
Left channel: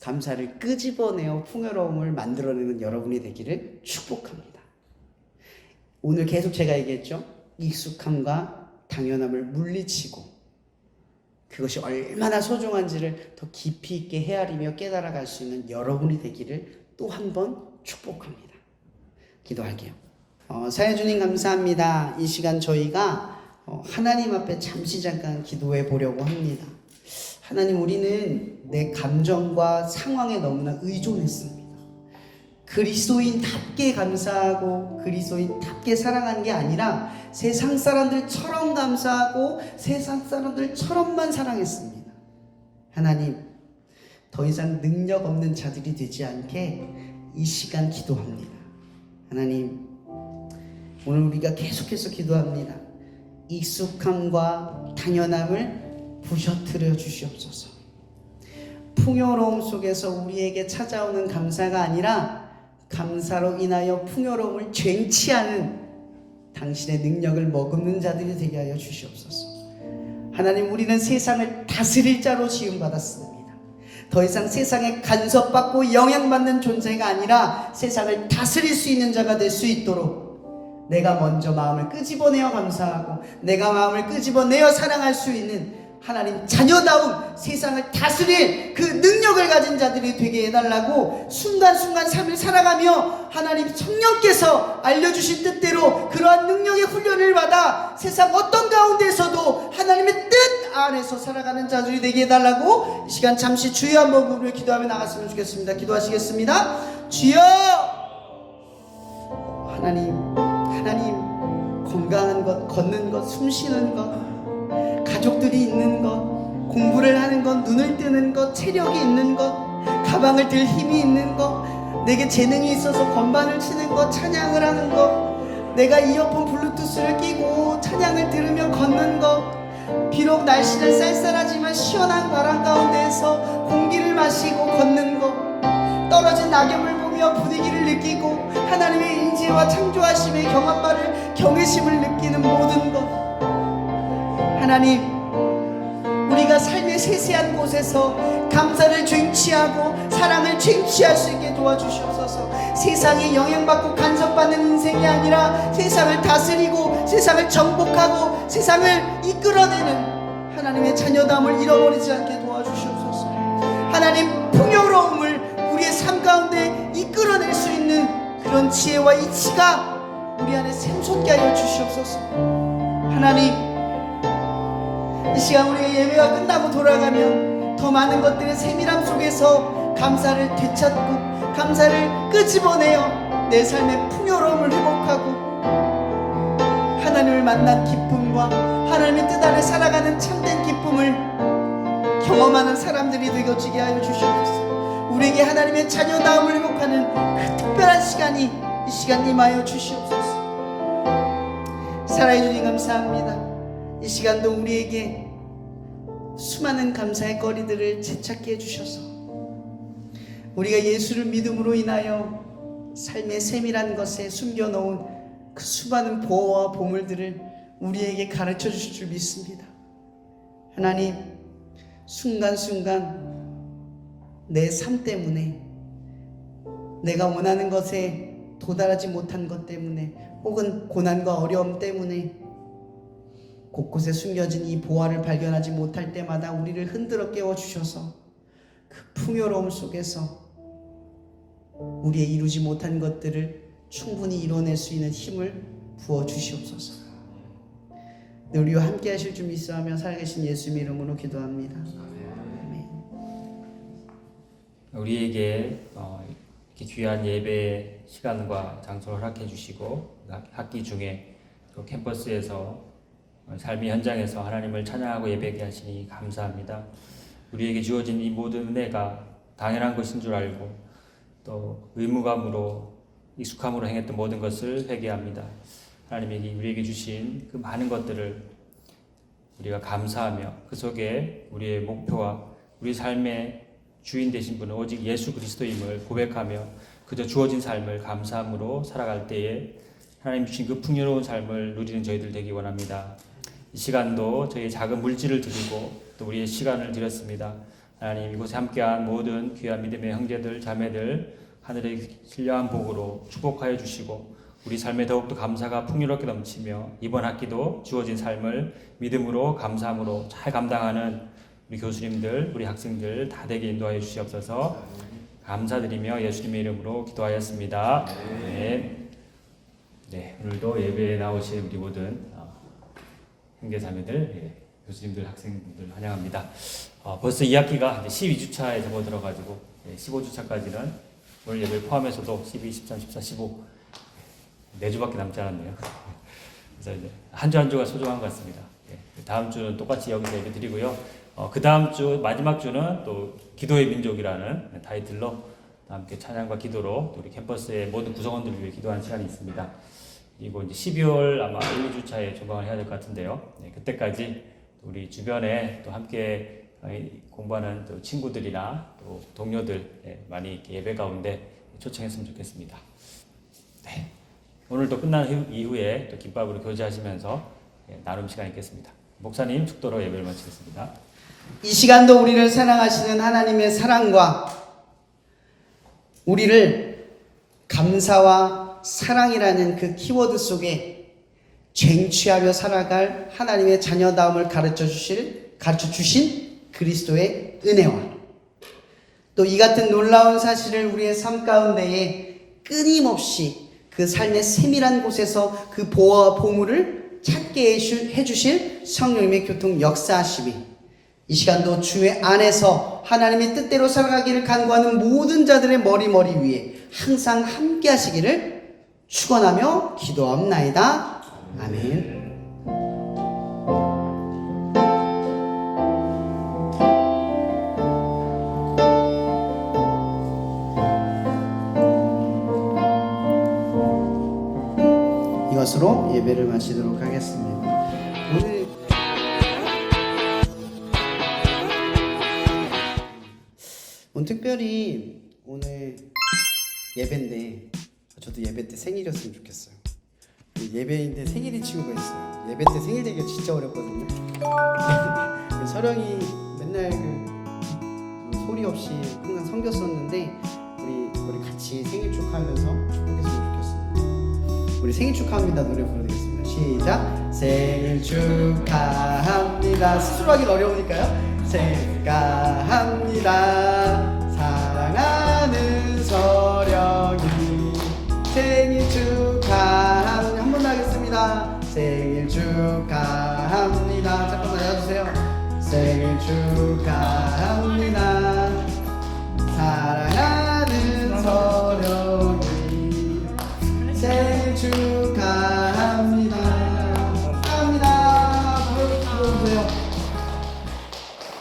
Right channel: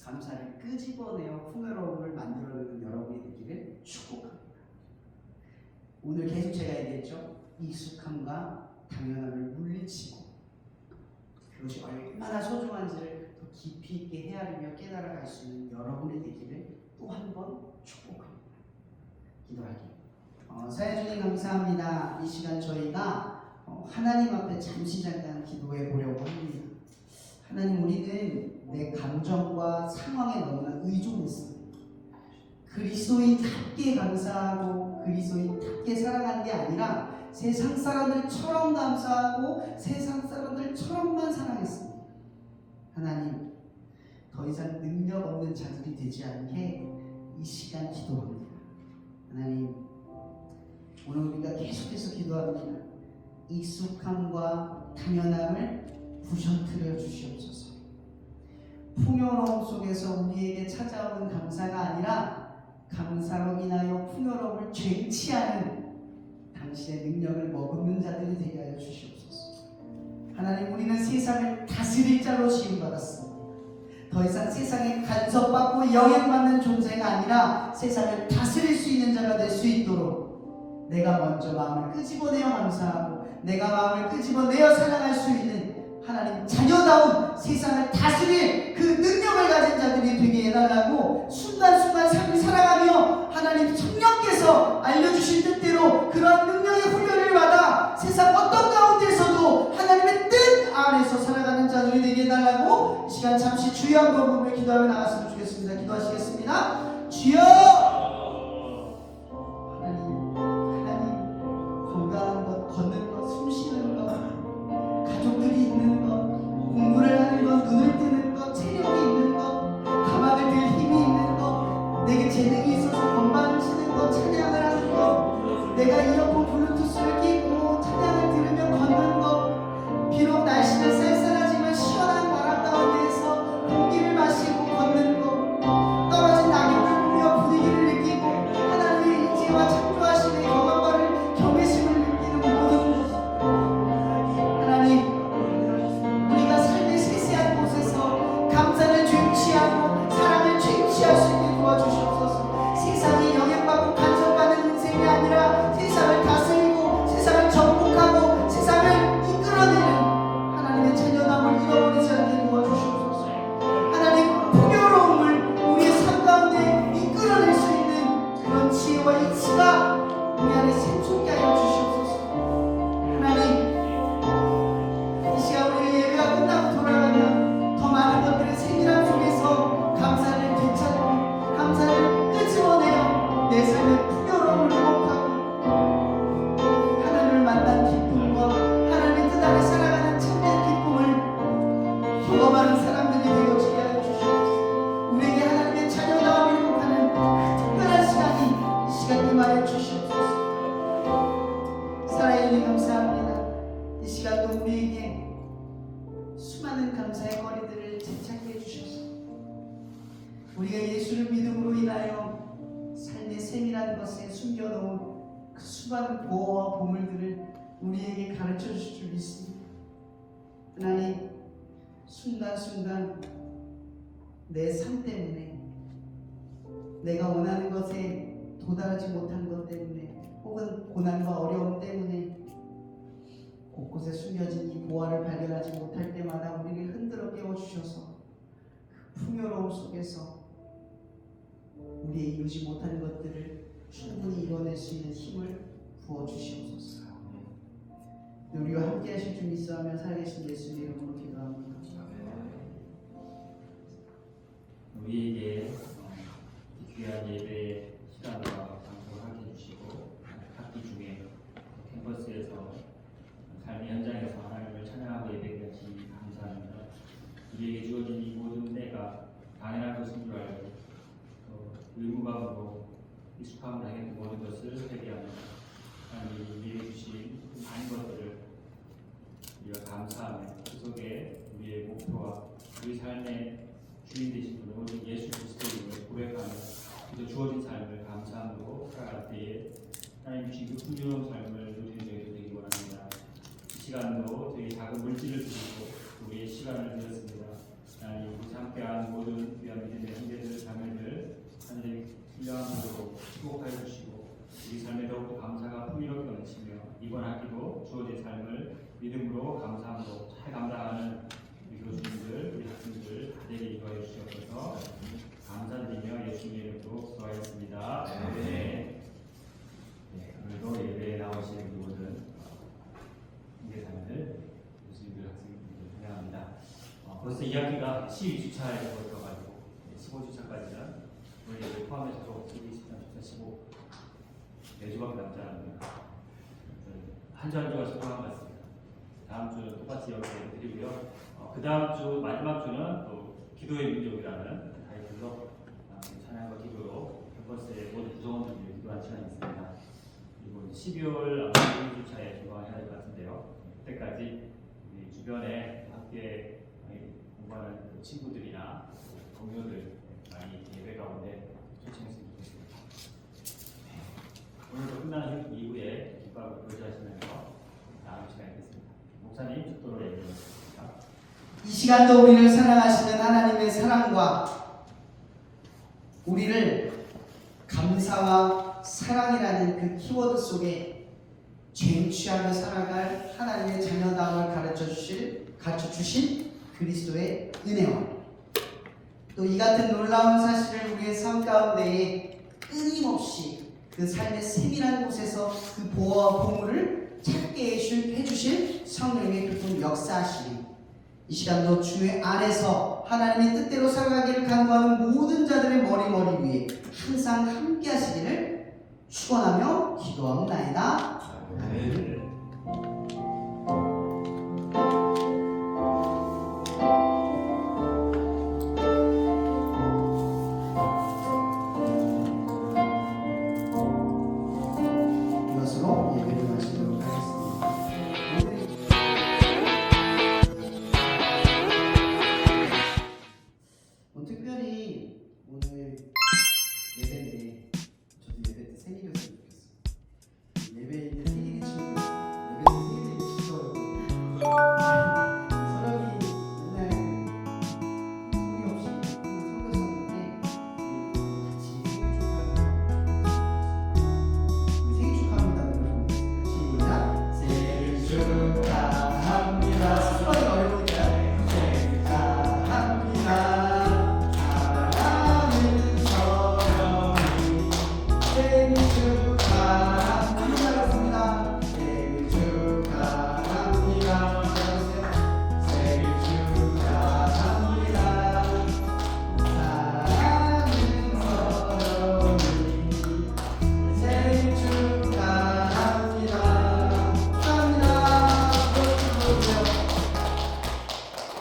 감사를 끄집어내어 풍요로움을 만들어내는 여러분이 되기를 축복합니다. 오늘 계속 제가 얘기했죠? 익숙함과 당연함을 물리치고 그것이 얼마나 소중한지를 더 깊이 있게 헤아리며 깨달아갈 수 있는 여러분이 되기를 또 한 번 축복합니다. 기도할게요. 사여주님 감사합니다. 이 시간 저희가 하나님 앞에 잠시 잠깐 기도해 보려고 합니다. 하나님, 우리는 내 감정과 상황에 너무나 의존했습니다. 그리스도인답게 감사하고 그리스도인답게 사랑하는 게 아니라 세상 사람들처럼 감사하고 세상 사람들처럼만 사랑했습니다. 하나님, 더 이상 능력 없는 자들이 되지 않게 이 시간 기도합니다. 하나님, 오늘 우리가 계속해서 기도합니다. 익숙함과 당연함을 부셔뜨려 주시옵소서. 풍요로움 속에서 우리에게 찾아오는 감사가 아니라 감사로 인하여 풍요로움을 쟁취하는 당신의 능력을 머금는 자들이 되게 하여 주시옵소서. 하나님, 우리는 세상을 다스릴 자로 지음받았습니다. 더 이상 세상에 간섭받고 영향받는 존재가 아니라 세상을 다스릴 수 있는 자가 될 수 있도록 내가 먼저 마음을 끄집어내어 감사하고 내가 마음을 끄집어내어 사랑할 수 있는 하나님 자녀다운 세상을 다스릴 그 능력을 가진 자들이 되게 해달라고 순간순간 삶을 살아가며 하나님 성령께서 알려주신 뜻대로 그러한 능력의 훈련을 받아 세상 어떤 가운데서도 하나님의 뜻 안에서 살아가는 자들이 되게 해달라고 이 시간 잠시 주여 한번 부르며 기도하며 나갔으면 좋겠습니다. 기도하시겠습니다. 주여! 하나님 건강한 것, 걷는 것, 숨 쉬는 것, 가족들이 있는 것, 공부를 하는 것, 눈을 뜨는 것, 체력이 있는 것, 가방을 들 힘이 있는 것, 내게 재능이 있어서 건반을 치는 것, 찬양을 하는 것, 내가 이어폰 블루투스를 끼고 찬양을 들으며 걷는 것, 비록 날씨는 쌀쌀하지만 시원한 바람 가운데에서 공기를 마시고 걷는 것, 떨어진 낙엽을 보며 분위기를 느끼고 하나님의 인재와 창조하심의 경험과를 경외심을 느끼는 모든 것, 하나님, 우리가 삶의 세세한 곳에서 감사를 쟁취하고 사랑을 쟁취할 수 있게 도와주시옵소서. 세상에 영향받고 간섭받는 인생이 아니라 세상을 다스리고 세상을 정복하고 세상을 이끌어내는 하나님의 자녀됨을 잃어버리지 않게 도와주시옵소서. 하나님, 풍요로움을 우리의 삶 가운데 이끌어낼 수 있는 그런 지혜와 이치가 우리 안에 샘솟게 하여 주시옵소서. 하나님, 이 시간 우리의 예배가 끝나고 돌아가면 더 많은 것들의 세밀함 속에서 감사를 되찾고 감사를 끄집어내어 내 삶의 풍요로움을 회복하고 하나님을 만난 기쁨과 하나님의 뜻 아래 살아가는 참된 기쁨을 경험하는 사람들이 되어지게 하여 주시옵소서. 우리에게 하나님의 자녀다움을 회복하는 그 특별한 시간이 이 시간 임하여 주시옵소서. 사랑해 주님 감사합니다. 이 시간도 우리에게 수많은 감사의 거리들을 되찾게 해주셔서 우리가 예수를 믿음으로 인하여 삶의 세밀한 것에 숨겨놓은 그 수많은 보호와 보물들을 우리에게 가르쳐 주실 줄 믿습니다. 하나님, 순간순간 내 삶 때문에 내가 원하는 것에 도달하지 못한 것 때문에 혹은 고난과 어려움 때문에 곳곳에 숨겨진 이 보화를 발견하지 못할 때마다 우리를 흔들어 깨워주셔서 그 풍요로움 속에서 우리의 이루지 못한 것들을 충분히 이뤄낼 수 있는 힘을 부어주시옵소서. 우리와 함께 하실 줄 믿사하며 살아계신 예수님 이름으로 기도합니다. 아멘. 우리에게 이렇게 귀한 예배 시간과 장소를 허락해 주시고 학기 중에 또 캠퍼스에서 삶의 현장에서 하나님을 찬양하고 예배하게 하시니 감사합니다. 우리에게 주어진 이 모든 은혜가 당연한 것인 줄 알고 또 의무감으로 익숙함으로 행했던 모든 것을 회개합니다. 하나님이 우리에게 주신 그 많은 것들을 우리가 감사하며 그 속에 우리의 목표와 우리 삶의 주인 되신 분은 오직 예수 그리스도임을 고백하며 그저 주어진 삶을 감사함으로 살아갈 때에 하나님 주신 그 풍요로운 삶을 누리는 저희들 되기 원합니다. 이 시간도 저희 작은 물질을 드리고 또 우리의 시간을 드렸습니다. 하나님 이곳에 함께한 모든 귀한 믿음의 형제들 자매들 하늘의 신령한 복으로 축복하여 주시고 우리 삶에 더욱더 감사가 풍요롭게 넘치며 이번 학기도 주어진 삶을 믿음으로 감사함으로 잘 감당하는 우리 교수님들 우리 학생들 다 되게 인도하여 주시옵소서. 감사드리며 예수님의 이름으로 기도하였습니다. 네, 오늘도 예배에 나오신 우리 모든 형제자매들, 교수님들, 학생들 환영합니다. 벌써 2학기가 12주차에 접어들어가지고 15주차까지는 오늘 예배 포함해서도 12, 13, 14, 15 4주밖에 남지 않았네요. 그래서 이제 한 주 한 주가 소중한 것 같습니다. 다음 주는 똑같이 여기서 예배 드리고요. 그 다음 주 마지막 주는 또 기도의 민족이라는 타이틀로 함께 찬양과 기도로 우리 캠퍼스의 모든 구성원들을 위해 기도하는 시간이 있습니다. 그리고 이제 12월 아마 1, 2주차에 종강을 해야 될 것 같은데요. 그때까지 우리 주변에 또 함께 공부하는 또 친구들이나 또 동료들 많이 예배 가운데 초청했으면 좋겠습니다. 네. 오늘도 끝난 이후에 또 김밥으로 교제하시면서 나눔 시간이 있겠습니다. 목사님 축도로 예배를 마치겠습니다. 이 시간도 우리를 사랑하시는 하나님의 사랑과 우리를 감사와 사랑이라는 그 키워드 속에 쟁취하며 살아갈 하나님의 자녀다움을 가르쳐 주신 그리스도의 은혜와 또 이 같은 놀라운 사실을 우리의 삶 가운데에 끊임없이 그 삶의 세밀한 곳에서 그 보화와 보물을 찾게 해주실 성령님의 교통 역사하심이 이 시간도 주의 안에서 하나님의 뜻대로 살아가기를 간구하는 모든 자들의 머리 위에 항상 함께 하시기를 축원하며 기도합나이다. 아멘. 이것으로 예배를 마치도록 하겠습니다. 오늘 특별히 오늘 예배인데 저도 예배 때 생일이었으면 좋겠어요. 예배인데 생일인 친구가 있어요. 예배 때 생일 되기가 진짜 어렵거든요. 서령이 맨날 소리 없이 항상 섬겼었는데 우리 같이 생일 축하하면서 축복했으면 좋겠습니다. 우리 생일 축하합니다 노래 부르겠습니다. 시작. 생일 축하합니다. 수술하기가 어려우니까요. 생일